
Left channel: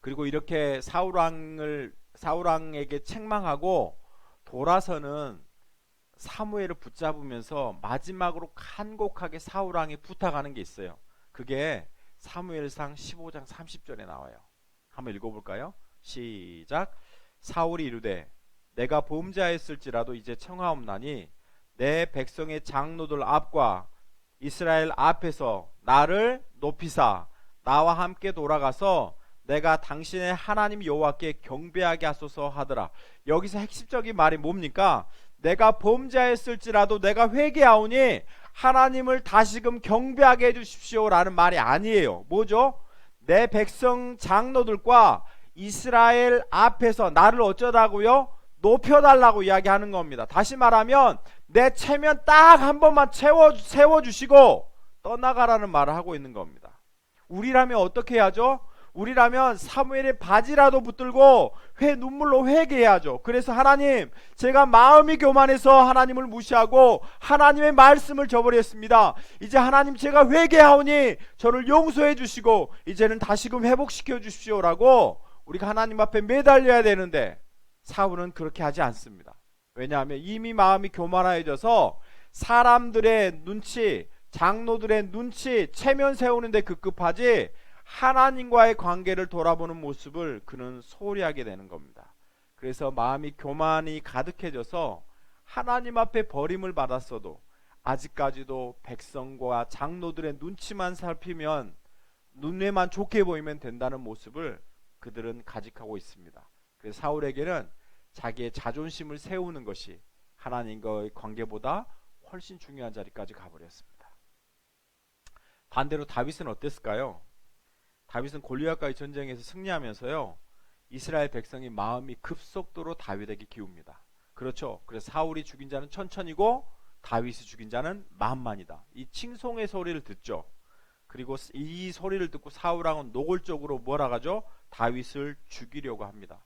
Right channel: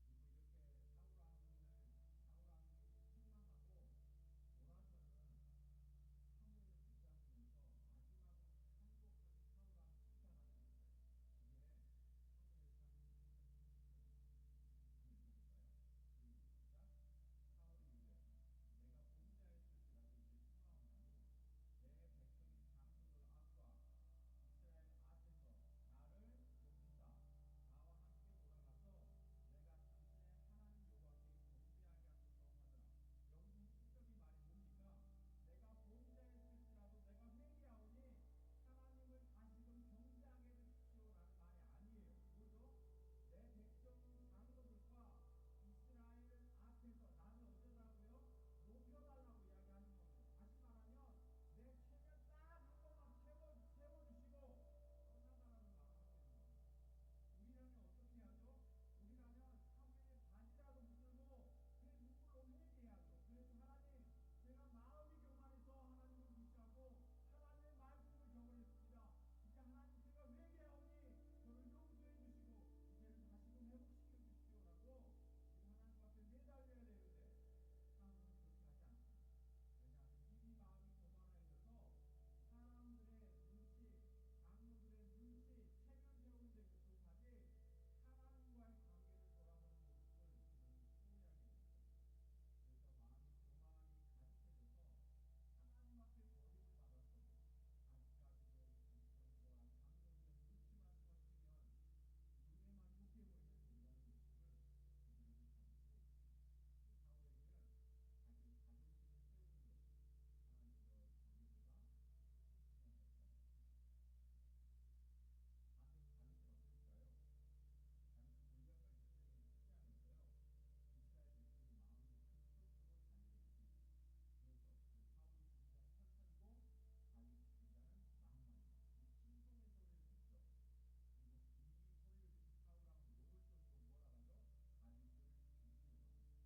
그리고 이렇게 사울왕에게 책망하고 돌아서는 사무엘을 붙잡으면서 마지막으로 간곡하게 사울왕이 부탁하는 게 있어요. 그게 사무엘상 15장 30절에 나와요. 한번 읽어볼까요? 시작. 사울이 이르되 내가 범죄하였을지라도 이제 청하옵나니 내 백성의 장로들 앞과 이스라엘 앞에서 나를 높이사 나와 함께 돌아가서 내가 당신의 하나님 여호와께 경배하게 하소서 하더라. 여기서 핵심적인 말이 뭡니까? 내가 범죄하였을지라도 내가 회개하오니 하나님을 다시금 경배하게 해주십시오 라는 말이 아니에요. 뭐죠? 내 백성 장로들과 이스라엘 앞에서 나를 어쩌다고요? 높여달라고 이야기하는 겁니다. 다시 말하면 내 체면 딱 한 번만 세워주시고 떠나가라는 말을 하고 있는 겁니다. 우리라면 어떻게 해야죠? 우리라면 사무엘의 바지라도 붙들고 눈물로 회개해야죠. 그래서 하나님, 제가 마음이 교만해서 하나님을 무시하고 하나님의 말씀을 저버렸습니다. 이제 하나님 제가 회개하오니 저를 용서해 주시고 이제는 다시금 회복시켜 주십시오라고 우리가 하나님 앞에 매달려야 되는데 사울은 그렇게 하지 않습니다. 왜냐하면 이미 마음이 교만해져서 사람들의 눈치, 장로들의 눈치, 체면 세우는데 급급하지 하나님과의 관계를 돌아보는 모습을 그는 소홀히 하게 되는 겁니다. 그래서 마음이 교만이 가득해져서 하나님 앞에 버림을 받았어도 아직까지도 백성과 장로들의 눈치만 살피면 눈에만 좋게 보이면 된다는 모습을 그들은 가직하고 있습니다. 그래서 사울에게는 자기의 자존심을 세우는 것이 하나님과의 관계보다 훨씬 중요한 자리까지 가버렸습니다. 반대로 다윗은 어땠을까요? 다윗은 골리앗과의 전쟁에서 승리하면서요, 이스라엘 백성이 마음이 급속도로 다윗에게 기웁니다. 그렇죠. 그래서 사울이 죽인 자는 천천이고 다윗이 죽인 자는 만만이다. 이 칭송의 소리를 듣죠. 그리고 이 소리를 듣고 사울왕은 노골적으로 뭐라 하죠? 다윗을 죽이려고 합니다.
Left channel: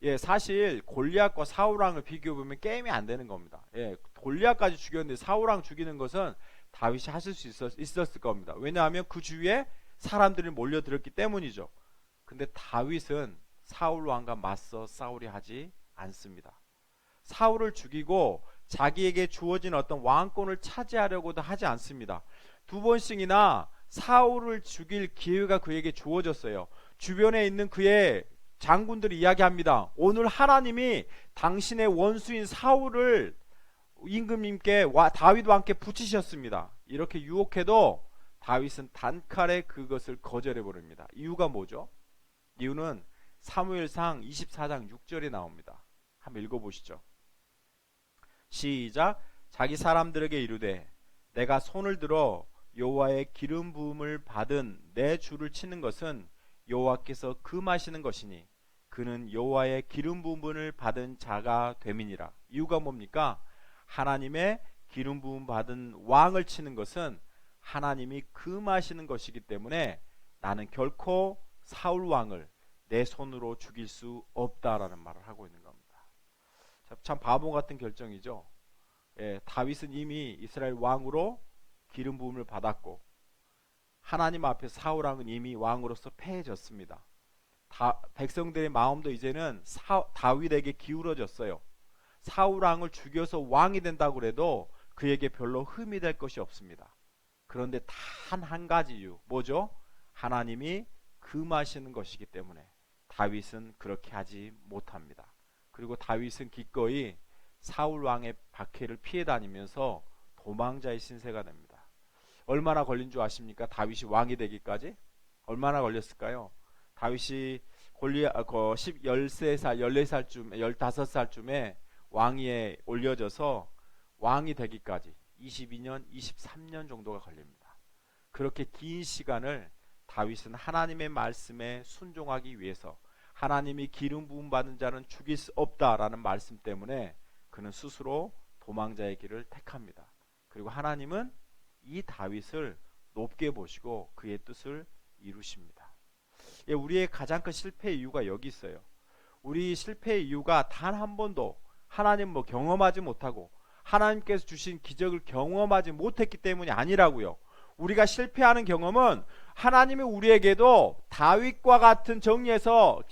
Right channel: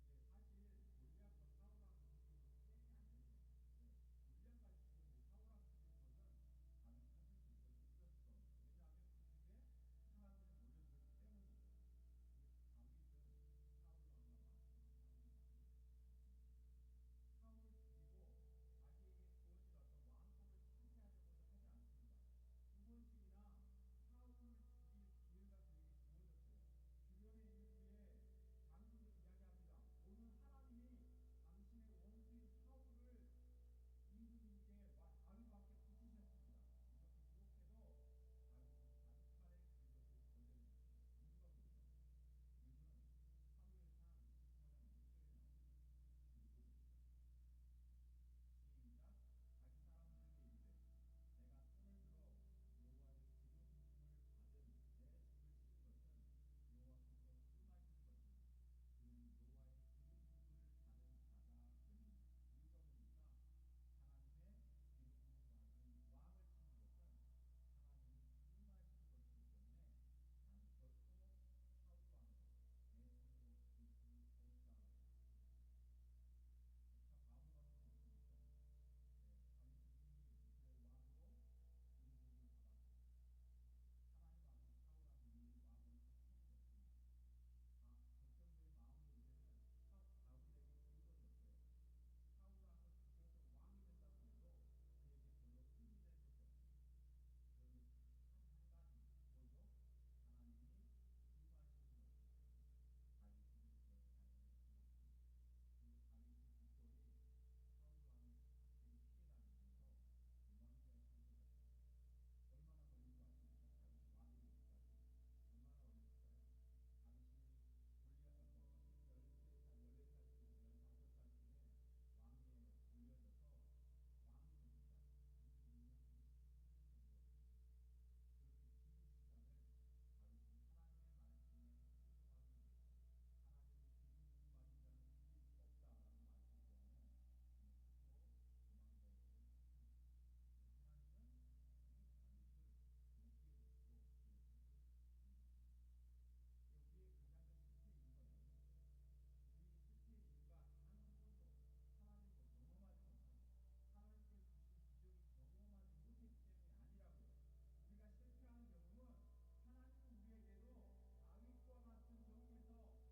예, 사실 골리앗과 사울왕을 비교해 보면 게임이 안 되는 겁니다. 예, 골리앗까지 죽였는데 사울왕 죽이는 것은 다윗이 하실 수 있었을 겁니다. 왜냐하면 그 주위에 사람들이 몰려들었기 때문이죠. 근데 다윗은 사울왕과 맞서 싸우려 하지 않습니다. 사울을 죽이고 자기에게 주어진 어떤 왕권을 차지하려고도 하지 않습니다. 두 번씩이나 사울을 죽일 기회가 그에게 주어졌어요. 주변에 있는 그의 장군들이 이야기합니다. 오늘 하나님이 당신의 원수인 사울을 임금님께 다윗과 함께 붙이셨습니다. 이렇게 유혹해도 다윗은 단칼에 그것을 거절해 버립니다. 이유가 뭐죠? 이유는 사무엘상 24장 6절에 나옵니다. 한번 읽어보시죠. 시작. 자기 사람들에게 이르되 내가 손을 들어 여호와의 기름 부음을 받은 내 주를 치는 것은 여호와께서 금하시는 것이니 그는 여호와의 기름 부음을 받은 자가 됨이니라. 이유가 뭡니까? 하나님의 기름 부음 받은 왕을 치는 것은 하나님이 금하시는 것이기 때문에 나는 결코 사울 왕을 내 손으로 죽일 수 없다라는 말을 하고 있는 겁니다. 참 바보 같은 결정이죠. 예, 다윗은 이미 이스라엘 왕으로 기름 부음을 받았고 하나님 앞에 사울 왕은 이미 왕으로서 패해졌습니다. 백성들의 마음도 이제는 다윗에게 기울어졌어요. 사울 왕을 죽여서 왕이 된다고 해도 그에게 별로 흠이 될 것이 없습니다. 그런데 단 한 가지 이유, 뭐죠? 하나님이 금하시는 것이기 때문에 다윗은 그렇게 하지 못합니다. 그리고 다윗은 기꺼이 사울 왕의 박해를 피해 다니면서 도망자의 신세가 됩니다. 얼마나 걸린 줄 아십니까? 다윗이 왕이 되기까지 얼마나 걸렸을까요? 다윗이 13살, 14살쯤, 15살쯤에 왕위에 올려져서 왕이 되기까지 22년, 23년 정도가 걸립니다. 그렇게 긴 시간을 다윗은 하나님의 말씀에 순종하기 위해서 하나님이 기름 부음 받은 자는 죽일 수 없다라는 말씀 때문에 그는 스스로 도망자의 길을 택합니다. 그리고 하나님은 이 다윗을 높게 보시고 그의 뜻을 이루십니다. 예, 우리의 가장 큰 실패의 이유가 여기 있어요. 우리 실패의 이유가 단 한 번도 하나님 경험하지 못하고 하나님께서 주신 기적을 경험하지 못했기 때문이 아니라고요. 우리가 실패하는 경험은 하나님이 우리에게도 다윗과 같은 전쟁에서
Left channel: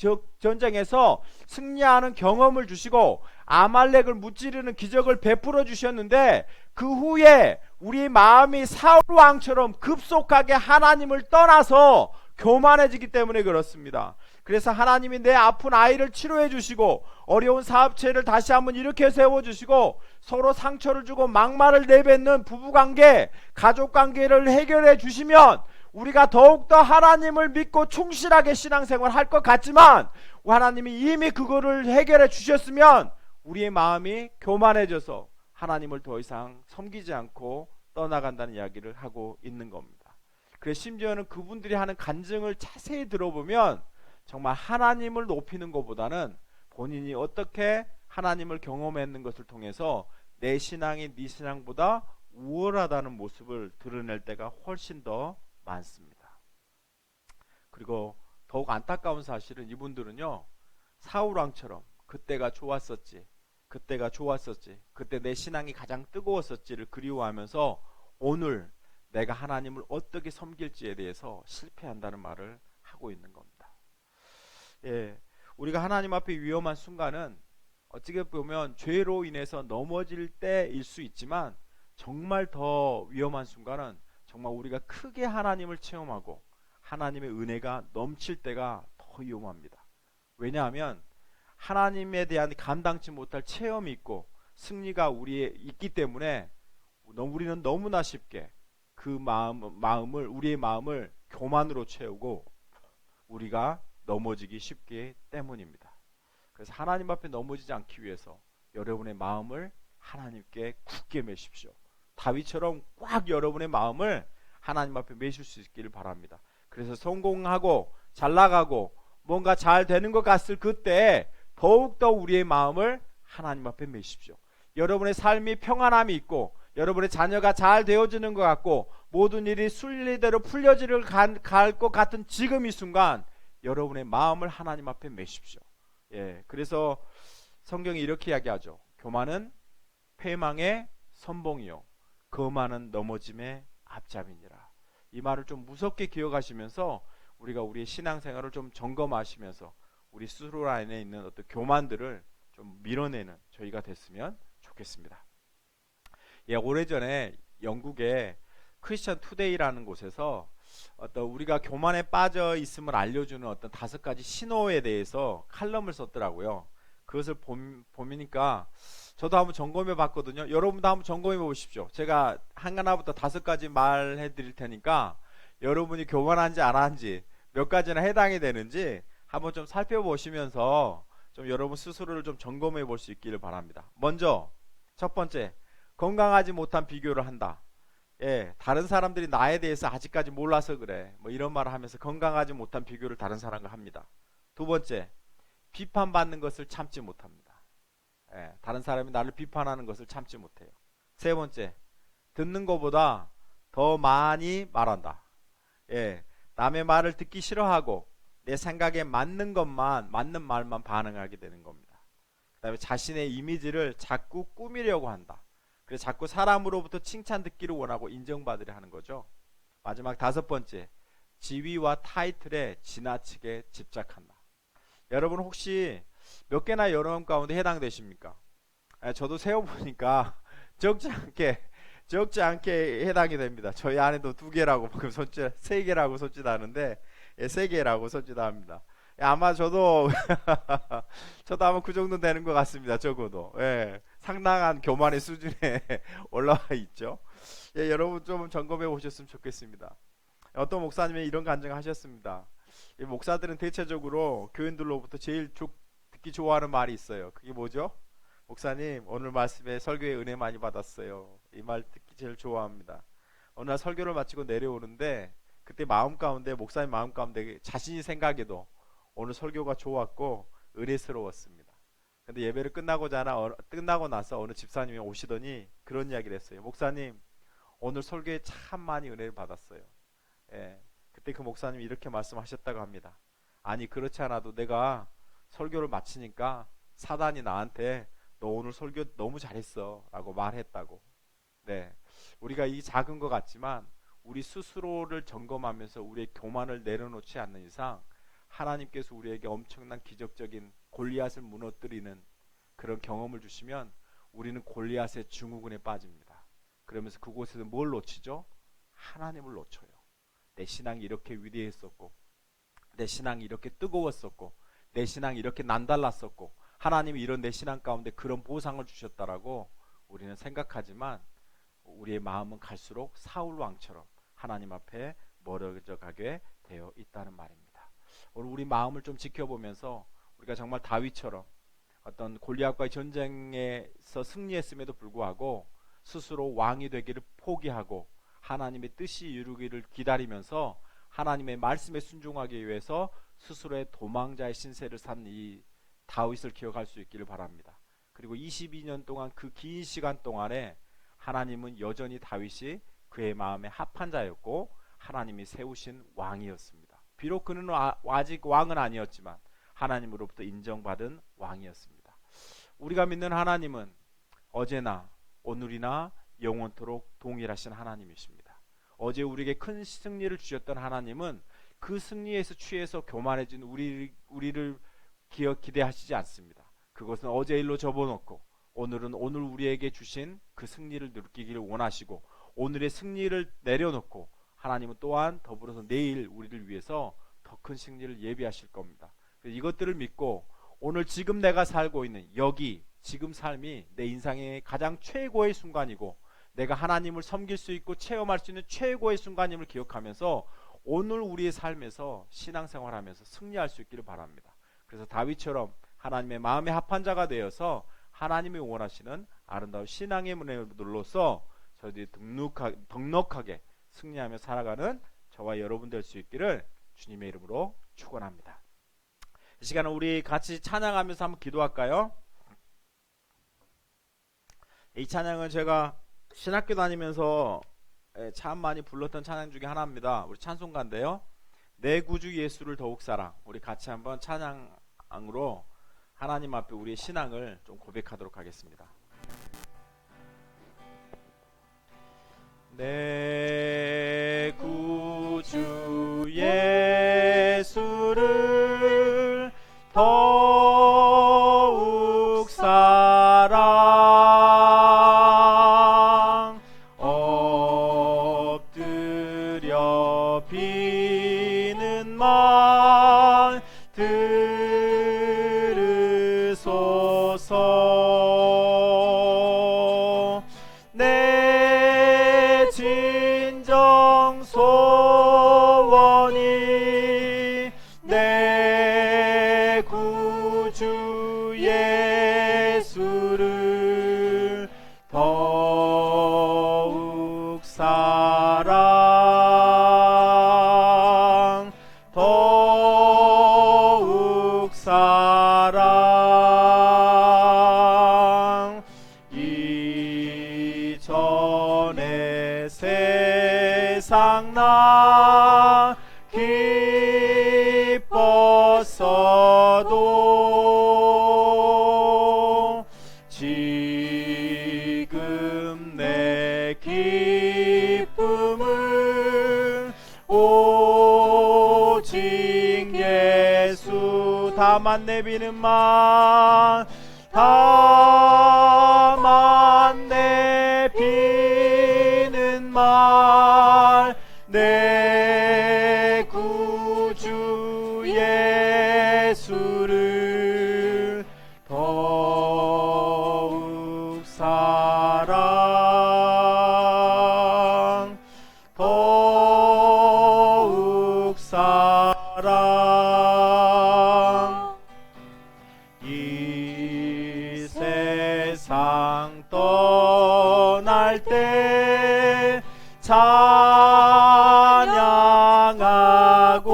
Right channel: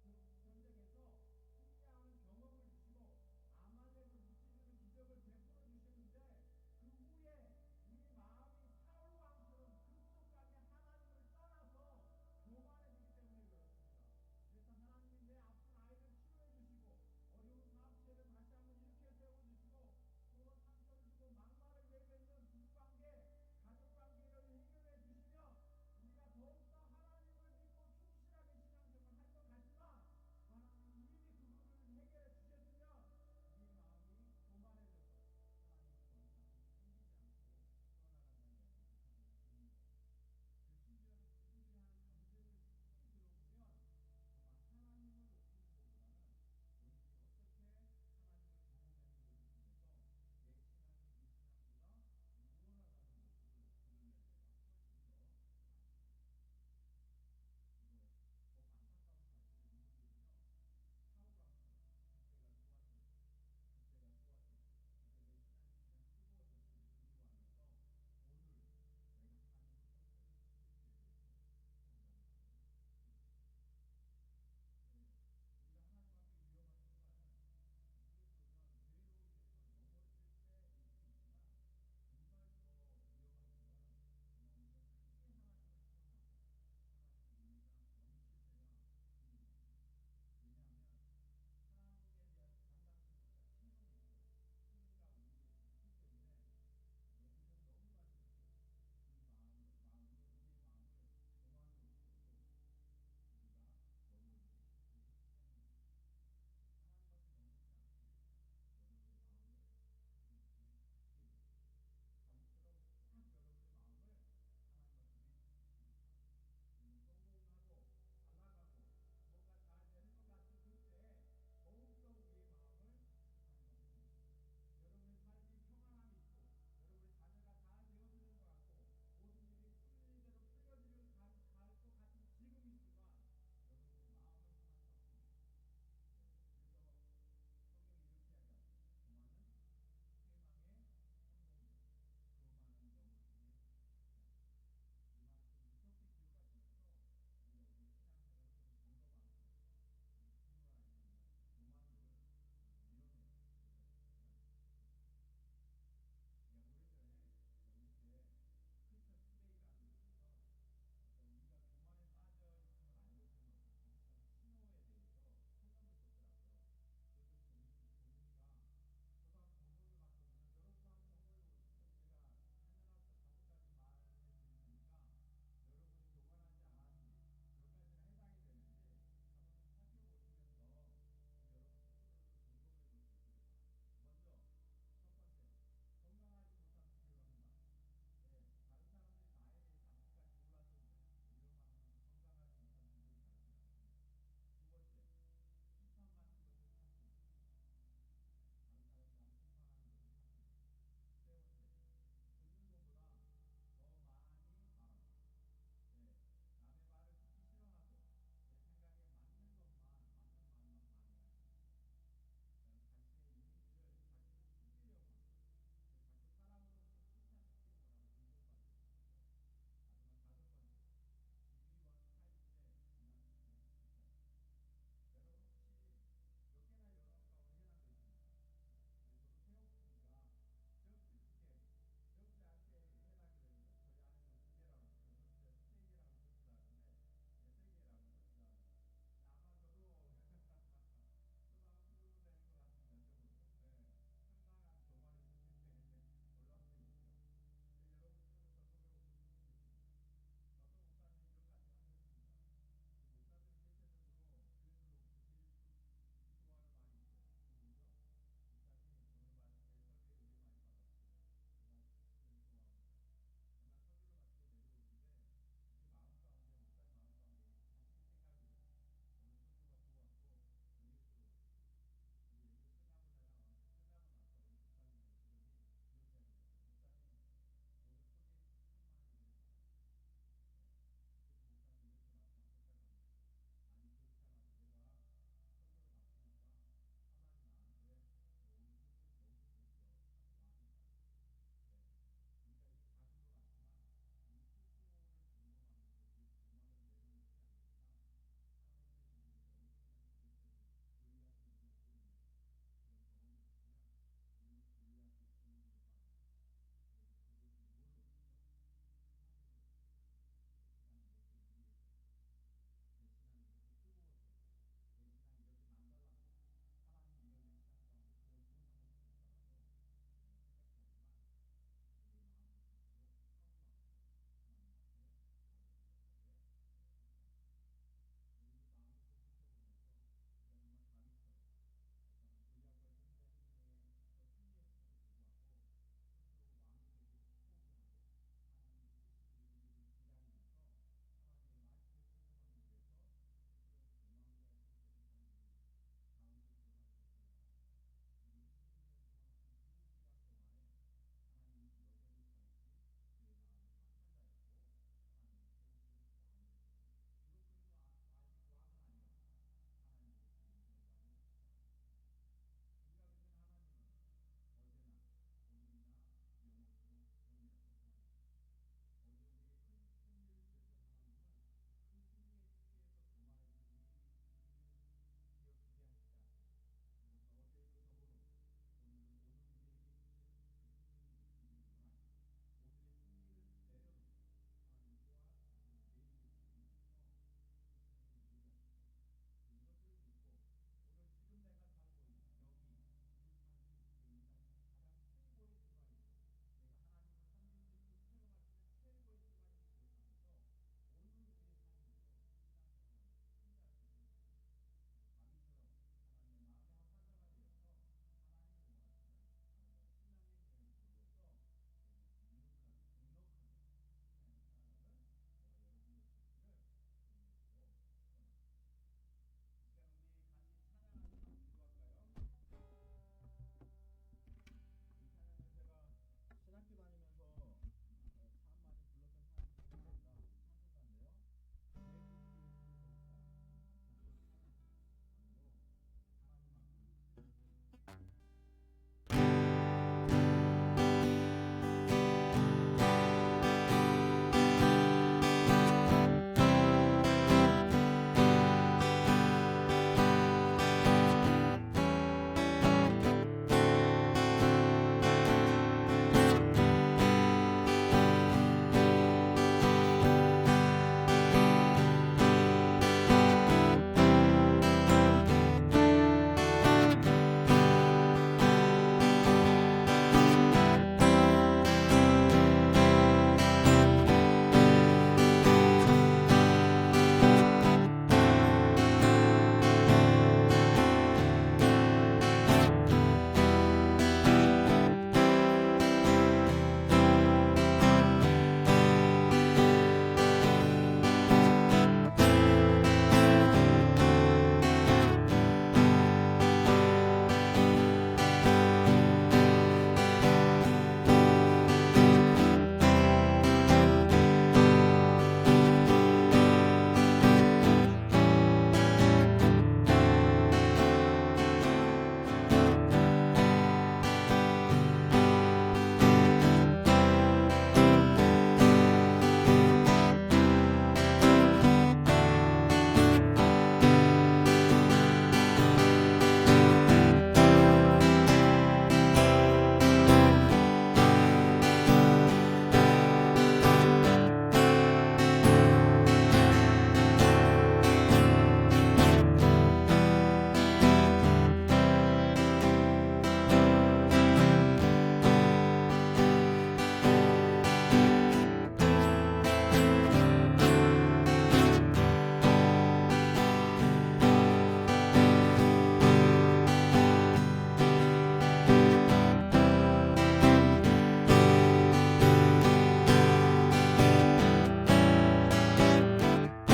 승리하는 경험을 주시고 아말렉을 무찌르는 기적을 베풀어 주셨는데 그 후에 우리 마음이 사울 왕처럼 급속하게 하나님을 떠나서 교만해지기 때문에 그렇습니다. 그래서 하나님이 내 아픈 아이를 치료해 주시고 어려운 사업체를 다시 한번 일으켜 세워 주시고 서로 상처를 주고 막말을 내뱉는 부부관계, 가족관계를 해결해 주시면 우리가 더욱더 하나님을 믿고 충실하게 신앙생활 할 것 같지만 하나님이 이미 그거를 해결해 주셨으면 우리의 마음이 교만해져서 하나님을 더 이상 섬기지 않고 떠나간다는 이야기를 하고 있는 겁니다. 그래서 심지어는 그분들이 하는 간증을 자세히 들어보면 정말 하나님을 높이는 것보다는 본인이 어떻게 하나님을 경험했는 것을 통해서 내 신앙이 네 신앙보다 우월하다는 모습을 드러낼 때가 훨씬 더 많습니다. 그리고 더욱 안타까운 사실은 이분들은요, 사울 왕처럼 그때가 좋았었지, 그때 내 신앙이 가장 뜨거웠었지를 그리워하면서 오늘 내가 하나님을 어떻게 섬길지에 대해서 실패한다는 말을 하고 있는 겁니다. 예, 우리가 하나님 앞에 위험한 순간은 어떻게 보면 죄로 인해서 넘어질 때일 수 있지만 정말 더 위험한 순간은 정말 우리가 크게 하나님을 체험하고 하나님의 은혜가 넘칠 때가 더 위험합니다. 왜냐하면 하나님에 대한 감당치 못할 체험이 있고 승리가 우리에 있기 때문에 우리는 너무나 쉽게 그 우리의 마음을 교만으로 채우고 우리가 넘어지기 쉽기 때문입니다. 그래서 하나님 앞에 넘어지지 않기 위해서 여러분의 마음을 하나님께 굳게 매십시오. 다윗처럼 꽉 여러분의 마음을 하나님 앞에 매실 수 있기를 바랍니다. 그래서 성공하고 잘 나가고 뭔가 잘 되는 것 같을 그때 더욱더 우리의 마음을 하나님 앞에 매십시오. 여러분의 삶이 평안함이 있고 여러분의 자녀가 잘 되어지는 것 같고 모든 일이 순리대로 풀려지를 갈 것 같은 지금 이 순간 여러분의 마음을 하나님 앞에 매십시오. 예, 그래서 성경이 이렇게 이야기하죠. 교만은 패망의 선봉이요 거만은 넘어짐의 앞잡이니라. 이 말을 좀 무섭게 기억하시면서 우리가 우리의 신앙생활을 좀 점검하시면서 우리 스스로 안에 있는 어떤 교만들을 좀 밀어내는 저희가 됐으면 좋겠습니다. 예, 오래전에 영국의 크리스천 투데이라는 곳에서 어떤 우리가 교만에 빠져 있음을 알려주는 어떤 5가지 신호에 대해서 칼럼을 썼더라고요. 그것을 보니까 저도 한번 점검해 봤거든요. 여러분도 한번 점검해 보십시오. 제가 하나부터 5가지 말해 드릴 테니까 여러분이 교만한지 안 한지 몇 가지나 해당이 되는지 한번 좀 살펴보시면서 좀 여러분 스스로를 좀 점검해 볼 수 있기를 바랍니다. 먼저 첫 번째, 건강하지 못한 비교를 한다. 예, 다른 사람들이 나에 대해서 아직까지 몰라서 그래. 뭐 이런 말을 하면서 건강하지 못한 비교를 다른 사람과 합니다. 두 번째, 비판받는 것을 참지 못합니다. 예, 다른 사람이 나를 비판하는 것을 참지 못해요. 세 번째, 듣는 것보다 더 많이 말한다. 예, 남의 말을 듣기 싫어하고 내 생각에 맞는 말만 반응하게 되는 겁니다. 그다음에 자신의 이미지를 자꾸 꾸미려고 한다. 그래서 자꾸 사람으로부터 칭찬 듣기를 원하고 인정받으려 하는 거죠. 마지막 5번째, 지위와 타이틀에 지나치게 집착한다. 여러분 혹시 몇 개나 여러분 가운데 해당되십니까? 저도 세어보니까 적지 않게 해당이 됩니다. 저희 아내도 2개라고 방금 손짓, 3개라고 손짓하는데 3개라고 손짓합니다. 아마 저도 저도 아마 그 정도 되는 것 같습니다. 적어도 상당한 교만의 수준에 올라와 있죠. 여러분 좀 점검해 보셨으면 좋겠습니다. 어떤 목사님이 이런 간증하셨습니다. 목사들은 대체적으로 교인들로부터 제일 듣기 좋아하는 말이 있어요. 그게 뭐죠? 목사님 오늘 말씀에 설교에 은혜 많이 받았어요. 이 말 듣기 제일 좋아합니다. 어느 날 설교를 마치고 내려오는데 그때 목사님 마음 가운데 자신이 생각해도 오늘 설교가 좋았고 은혜스러웠습니다. 근데 예배를 끝나고 나서 어느 집사님이 오시더니 그런 이야기를 했어요. 목사님 오늘 설교에 참 많이 은혜를 받았어요. 그때 그 목사님이 이렇게 말씀하셨다고 합니다. 아니 그렇지 않아도 내가 설교를 마치니까 사단이 나한테 너 오늘 설교 너무 잘했어 라고 말했다고. 우리가 이 작은 것 같지만 우리 스스로를 점검하면서 우리의 교만을 내려놓지 않는 이상 하나님께서 우리에게 엄청난 기적적인 골리앗을 무너뜨리는 그런 경험을 주시면 우리는 골리앗의 증후군에 빠집니다. 그러면서 그곳에서 뭘 놓치죠? 하나님을 놓쳐요. 내 신앙이 이렇게 위대했었고 내 신앙이 이렇게 뜨거웠었고 내 신앙이 이렇게 남달랐었고 하나님이 이런 내 신앙 가운데 그런 보상을 주셨다라고 우리는 생각하지만 우리의 마음은 갈수록 사울 왕처럼 하나님 앞에 멀어져 가게 되어 있다는 말입니다. 오늘 우리 마음을 좀 지켜보면서 우리가 정말 다윗처럼 어떤 골리앗과의 전쟁에서 승리했음에도 불구하고 스스로 왕이 되기를 포기하고 하나님의 뜻이 이루기를 기다리면서 하나님의 말씀에 순종하기 위해서 스스로의 도망자의 신세를 산 이 다윗을 기억할 수 있기를 바랍니다. 그리고 22년 동안 그 긴 시간 동안에 하나님은 여전히 다윗이 그의 마음에 합한 자였고 하나님이 세우신 왕이었습니다. 비록 그는 아직 왕은 아니었지만 하나님으로부터 인정받은 왕이었습니다. 우리가 믿는 하나님은 어제나 오늘이나 영원토록 동일하신 하나님이십니다. 어제 우리에게 큰 승리를 주셨던 하나님은 그 승리에서 취해서 교만해진 우리를 기대하시지 않습니다. 그것은 어제 일로 접어놓고 오늘은 오늘 우리에게 주신 그 승리를 느끼기를 원하시고 오늘의 승리를 내려놓고 하나님은 또한 더불어서 내일 우리를 위해서 더 큰 승리를 예비하실 겁니다. 이것들을 믿고 오늘 지금 내가 살고 있는 여기 지금 삶이 내 인생의 가장 최고의 순간이고 내가 하나님을 섬길 수 있고 체험할 수 있는 최고의 순간임을 기억하면서 오늘 우리의 삶에서 신앙생활하면서 승리할 수 있기를 바랍니다. 그래서 다윗처럼 하나님의 마음에 합한 자가 되어서 하나님이 원하시는 아름다운 신앙의 문으로서 저희들이 넉넉하게 승리하며 살아가는 저와 여러분 될 수 있기를 주님의 이름으로 축원합니다. 이 시간은 우리 같이 찬양하면서 한번 기도할까요? 이 찬양은 제가 신학교 다니면서 참 많이 불렀던 찬양 중에 하나입니다. 우리 찬송가인데요. 내 구주 예수를 더욱 사랑. 우리 같이 한번 찬양으로 하나님 앞에 우리의 신앙을 좀 고백하도록 하겠습니다. 내 구주 예수를 더욱 사랑 엎드려 비는 말 들으소서. 내 진정 소원이 내 구주 예수를 더욱 사랑 더욱 사랑 이전의 세상 나 기뻤어도 지금 내 기쁨은 오직 예수. 다만 내비는 만 다만 내비는 말 내 구주 예수를 더욱 사랑 더욱 사랑. 이 세상 떠날 때 찬양하고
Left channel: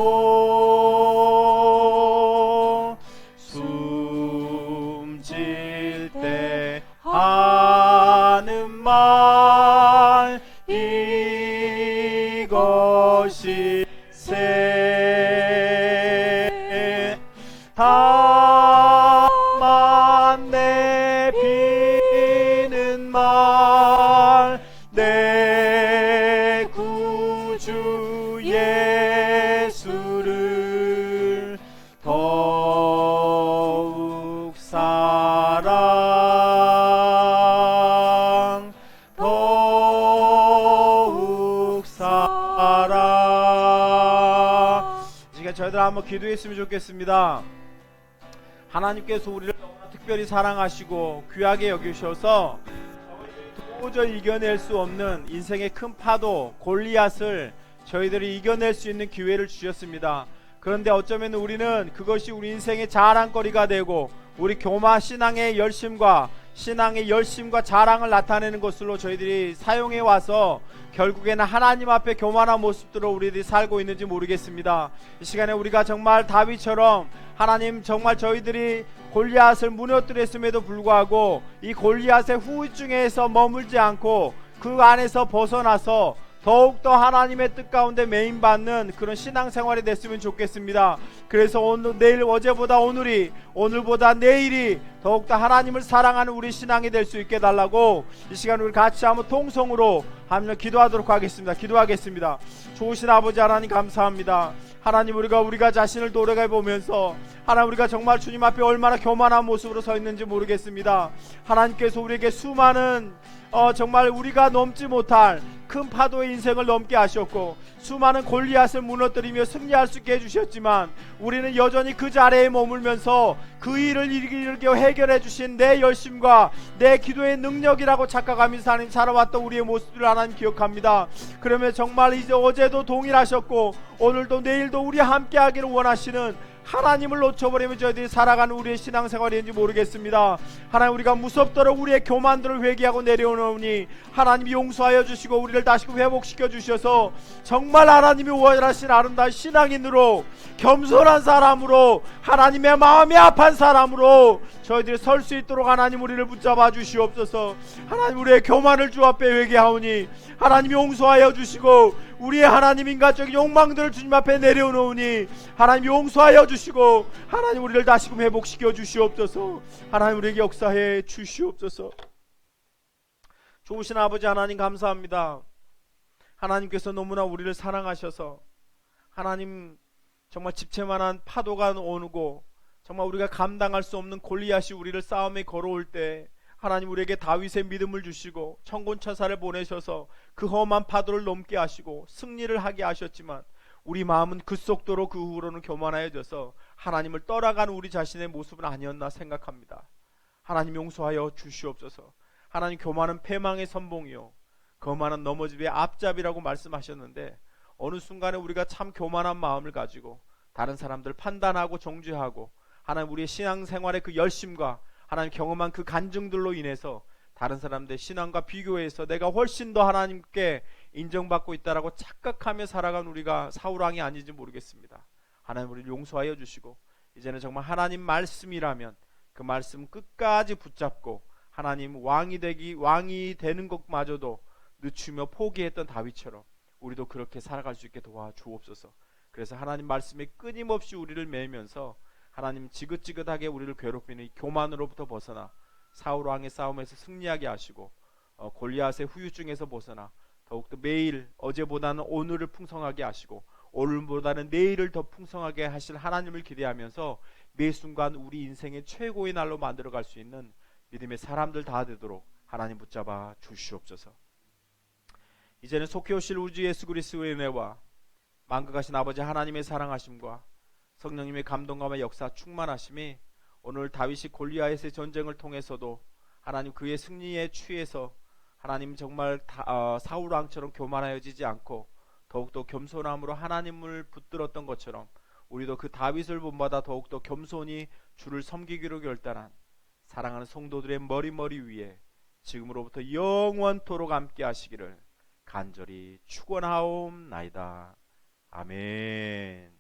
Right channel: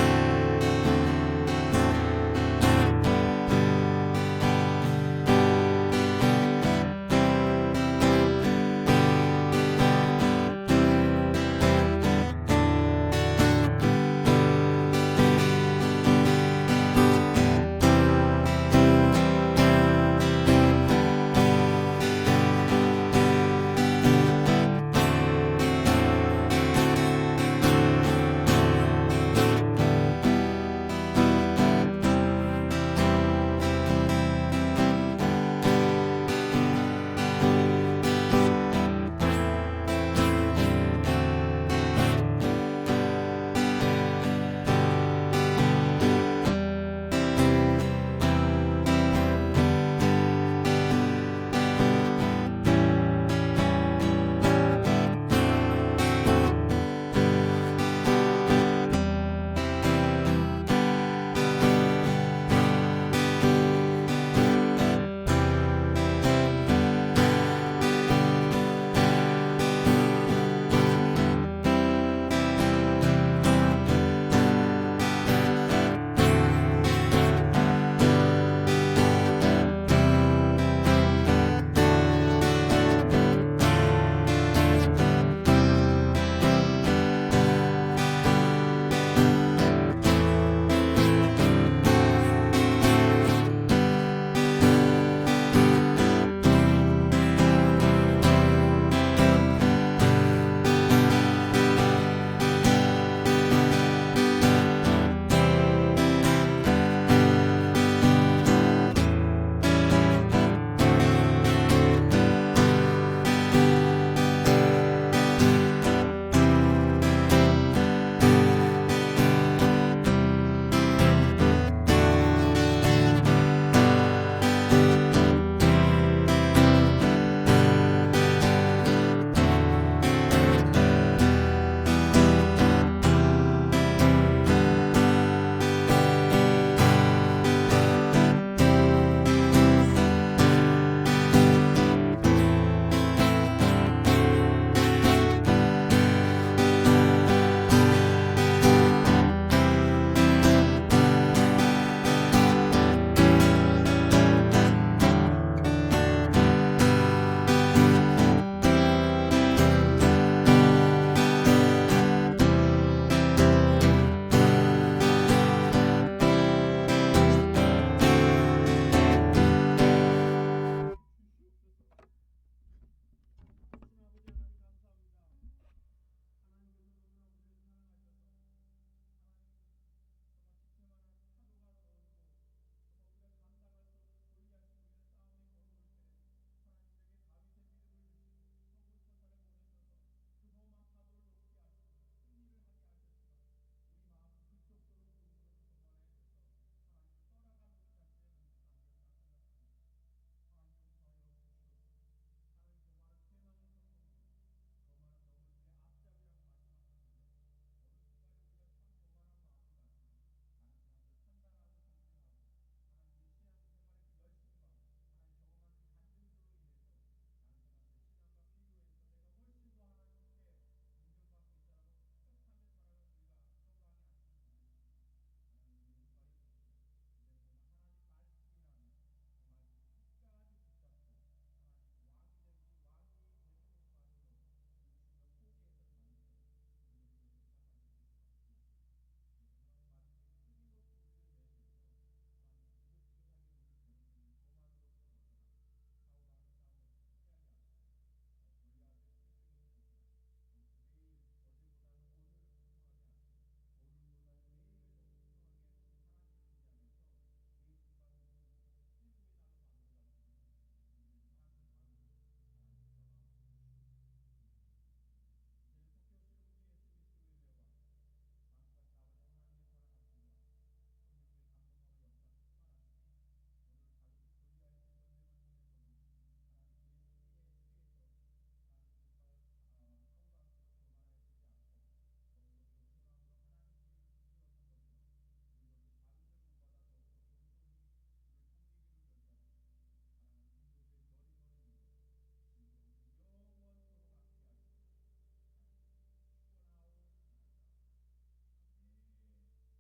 숨질 때 하는 말 이것이 세 다만 내비는 말 내 구주 예수를 더욱 사랑 더욱 사랑. 저희들 한번 기도했으면 좋겠습니다. 하나님께서 우리를 특별히 사랑하시고 귀하게 여기셔서 도저히 이겨낼 수 없는 인생의 큰 파도 골리앗을 저희들이 이겨낼 수 있는 기회를 주셨습니다. 그런데 어쩌면 우리는 그것이 우리 인생의 자랑거리가 되고 우리 교마 신앙의 열심과 자랑을 나타내는 것으로 저희들이 사용해 와서 결국에는 하나님 앞에 교만한 모습으로 우리들이 살고 있는지 모르겠습니다. 이 시간에 우리가 정말 다윗처럼 하나님 정말 저희들이 골리앗을 무너뜨렸음에도 불구하고 이 골리앗의 후궁중에서 머물지 않고 그 안에서 벗어나서 더욱더 하나님의 뜻 가운데 메인받는 그런 신앙생활이 됐으면 좋겠습니다. 그래서 오늘 내일 어제보다 오늘이 오늘보다 내일이 더욱더 하나님을 사랑하는 우리 신앙이 될 수 있게 달라고 이 시간 우리 같이 한번 통성으로 하나님 기도하도록 기도하겠습니다. 좋으신 아버지 하나님 감사합니다. 하나님 우리가 자신을 돌아가 보면서 하나님 우리가 정말 주님 앞에 얼마나 교만한 모습으로 서 있는지 모르겠습니다. 하나님께서 우리에게 수많은 정말 우리가 넘지 못할 큰 파도의 인생을 넘게 하셨고 수많은 골리앗을 무너뜨리며 승리할 수 있게 해주셨지만 우리는 여전히 그 자리에 머물면서 그 일을 일으켜 해결해 주신 내 열심과 내 기도의 능력이라고 착각하며 살아왔던 우리의 모습을 하나님 기억합니다. 그러면 정말 이제 어제도 동일하셨고 오늘도 내일도 우리 함께 하기를 원하시는 하나님을 놓쳐버리는 저들이 살아가는 우리의 신앙생활인지 모르겠습니다. 하나님 우리가 무섭도록 우리의 교만들을 회개하고 내려오노니 하나님이 용서하여 주시고 우리를 다시 회복시켜 주셔서 정말 하나님이 원하신 아름다운 신앙인으로, 겸손한 사람으로, 하나님의 마음이 아픈 사람으로 저희들이 설 수 있도록 하나님 우리를 붙잡아 주시옵소서. 하나님 우리의 교만을 주 앞에 회개하오니 하나님 용서하여 주시고 우리의 하나님 인간적인 욕망들을 주님 앞에 내려놓으니 하나님 용서하여 주시고 하나님 우리를 다시 회복시켜 주시옵소서. 하나님 우리에게 역사해 주시옵소서. 좋으신 아버지 하나님 감사합니다. 하나님께서 너무나 우리를 사랑하셔서 하나님 정말 집채만한 파도가 오고 정말 우리가 감당할 수 없는 골리앗이 우리를 싸움에 걸어올 때 하나님 우리에게 다윗의 믿음을 주시고 천군천사를 보내셔서 그 험한 파도를 넘게 하시고 승리를 하게 하셨지만 우리 마음은 그 속도로 그 후로는 교만하여져서 하나님을 떠나간 우리 자신의 모습은 아니었나 생각합니다. 하나님 용서하여 주시옵소서. 하나님 교만은 패망의 선봉이요 거만은 넘어짐의 앞잡이라고 말씀하셨는데 어느 순간에 우리가 참 교만한 마음을 가지고 다른 사람들 판단하고 정죄하고 하나님 우리의 신앙생활의 그 열심과 하나님 경험한 그 간증들로 인해서 다른 사람들의 신앙과 비교해서 내가 훨씬 더 하나님께 인정받고 있다라고 착각하며 살아간 우리가 사울왕이 아닌지 모르겠습니다. 하나님 우리를 용서하여 주시고 이제는 정말 하나님 말씀이라면 그 말씀 끝까지 붙잡고 하나님 왕이 되는 것마저도 늦추며 포기했던 다윗처럼 우리도 그렇게 살아갈 수 있게 도와주옵소서. 그래서 하나님 말씀에 끊임없이 우리를 매면서 하나님 지긋지긋하게 우리를 괴롭히는 이 교만으로부터 벗어나 사울 왕의 싸움에서 승리하게 하시고 골리앗의 후유증에서 벗어나 더욱더 매일 어제보다는 오늘을 풍성하게 하시고 오늘보다는 내일을 더 풍성하게 하실 하나님을 기대하면서 매 순간 우리 인생의 최고의 날로 만들어갈 수 있는 믿음의 사람들 다 되도록 하나님 붙잡아 주시옵소서. 이제는 속히 오실 우주 예수 그리스도의 은혜와 만극하신 아버지 하나님의 사랑하심과 성령님의 감동감과 역사 충만하심이 오늘 다윗이 골리앗의 전쟁을 통해서도 하나님 그의 승리에 취해서 하나님 정말 사울 왕처럼 교만하여지지 않고 더욱더 겸손함으로 하나님을 붙들었던 것처럼 우리도 그 다윗을 본받아 더욱더 겸손히 주를 섬기기로 결단한 사랑하는 성도들의 머리 위에 지금으로부터 영원토록 함께 하시기를 간절히 축원하옵나이다. 아멘.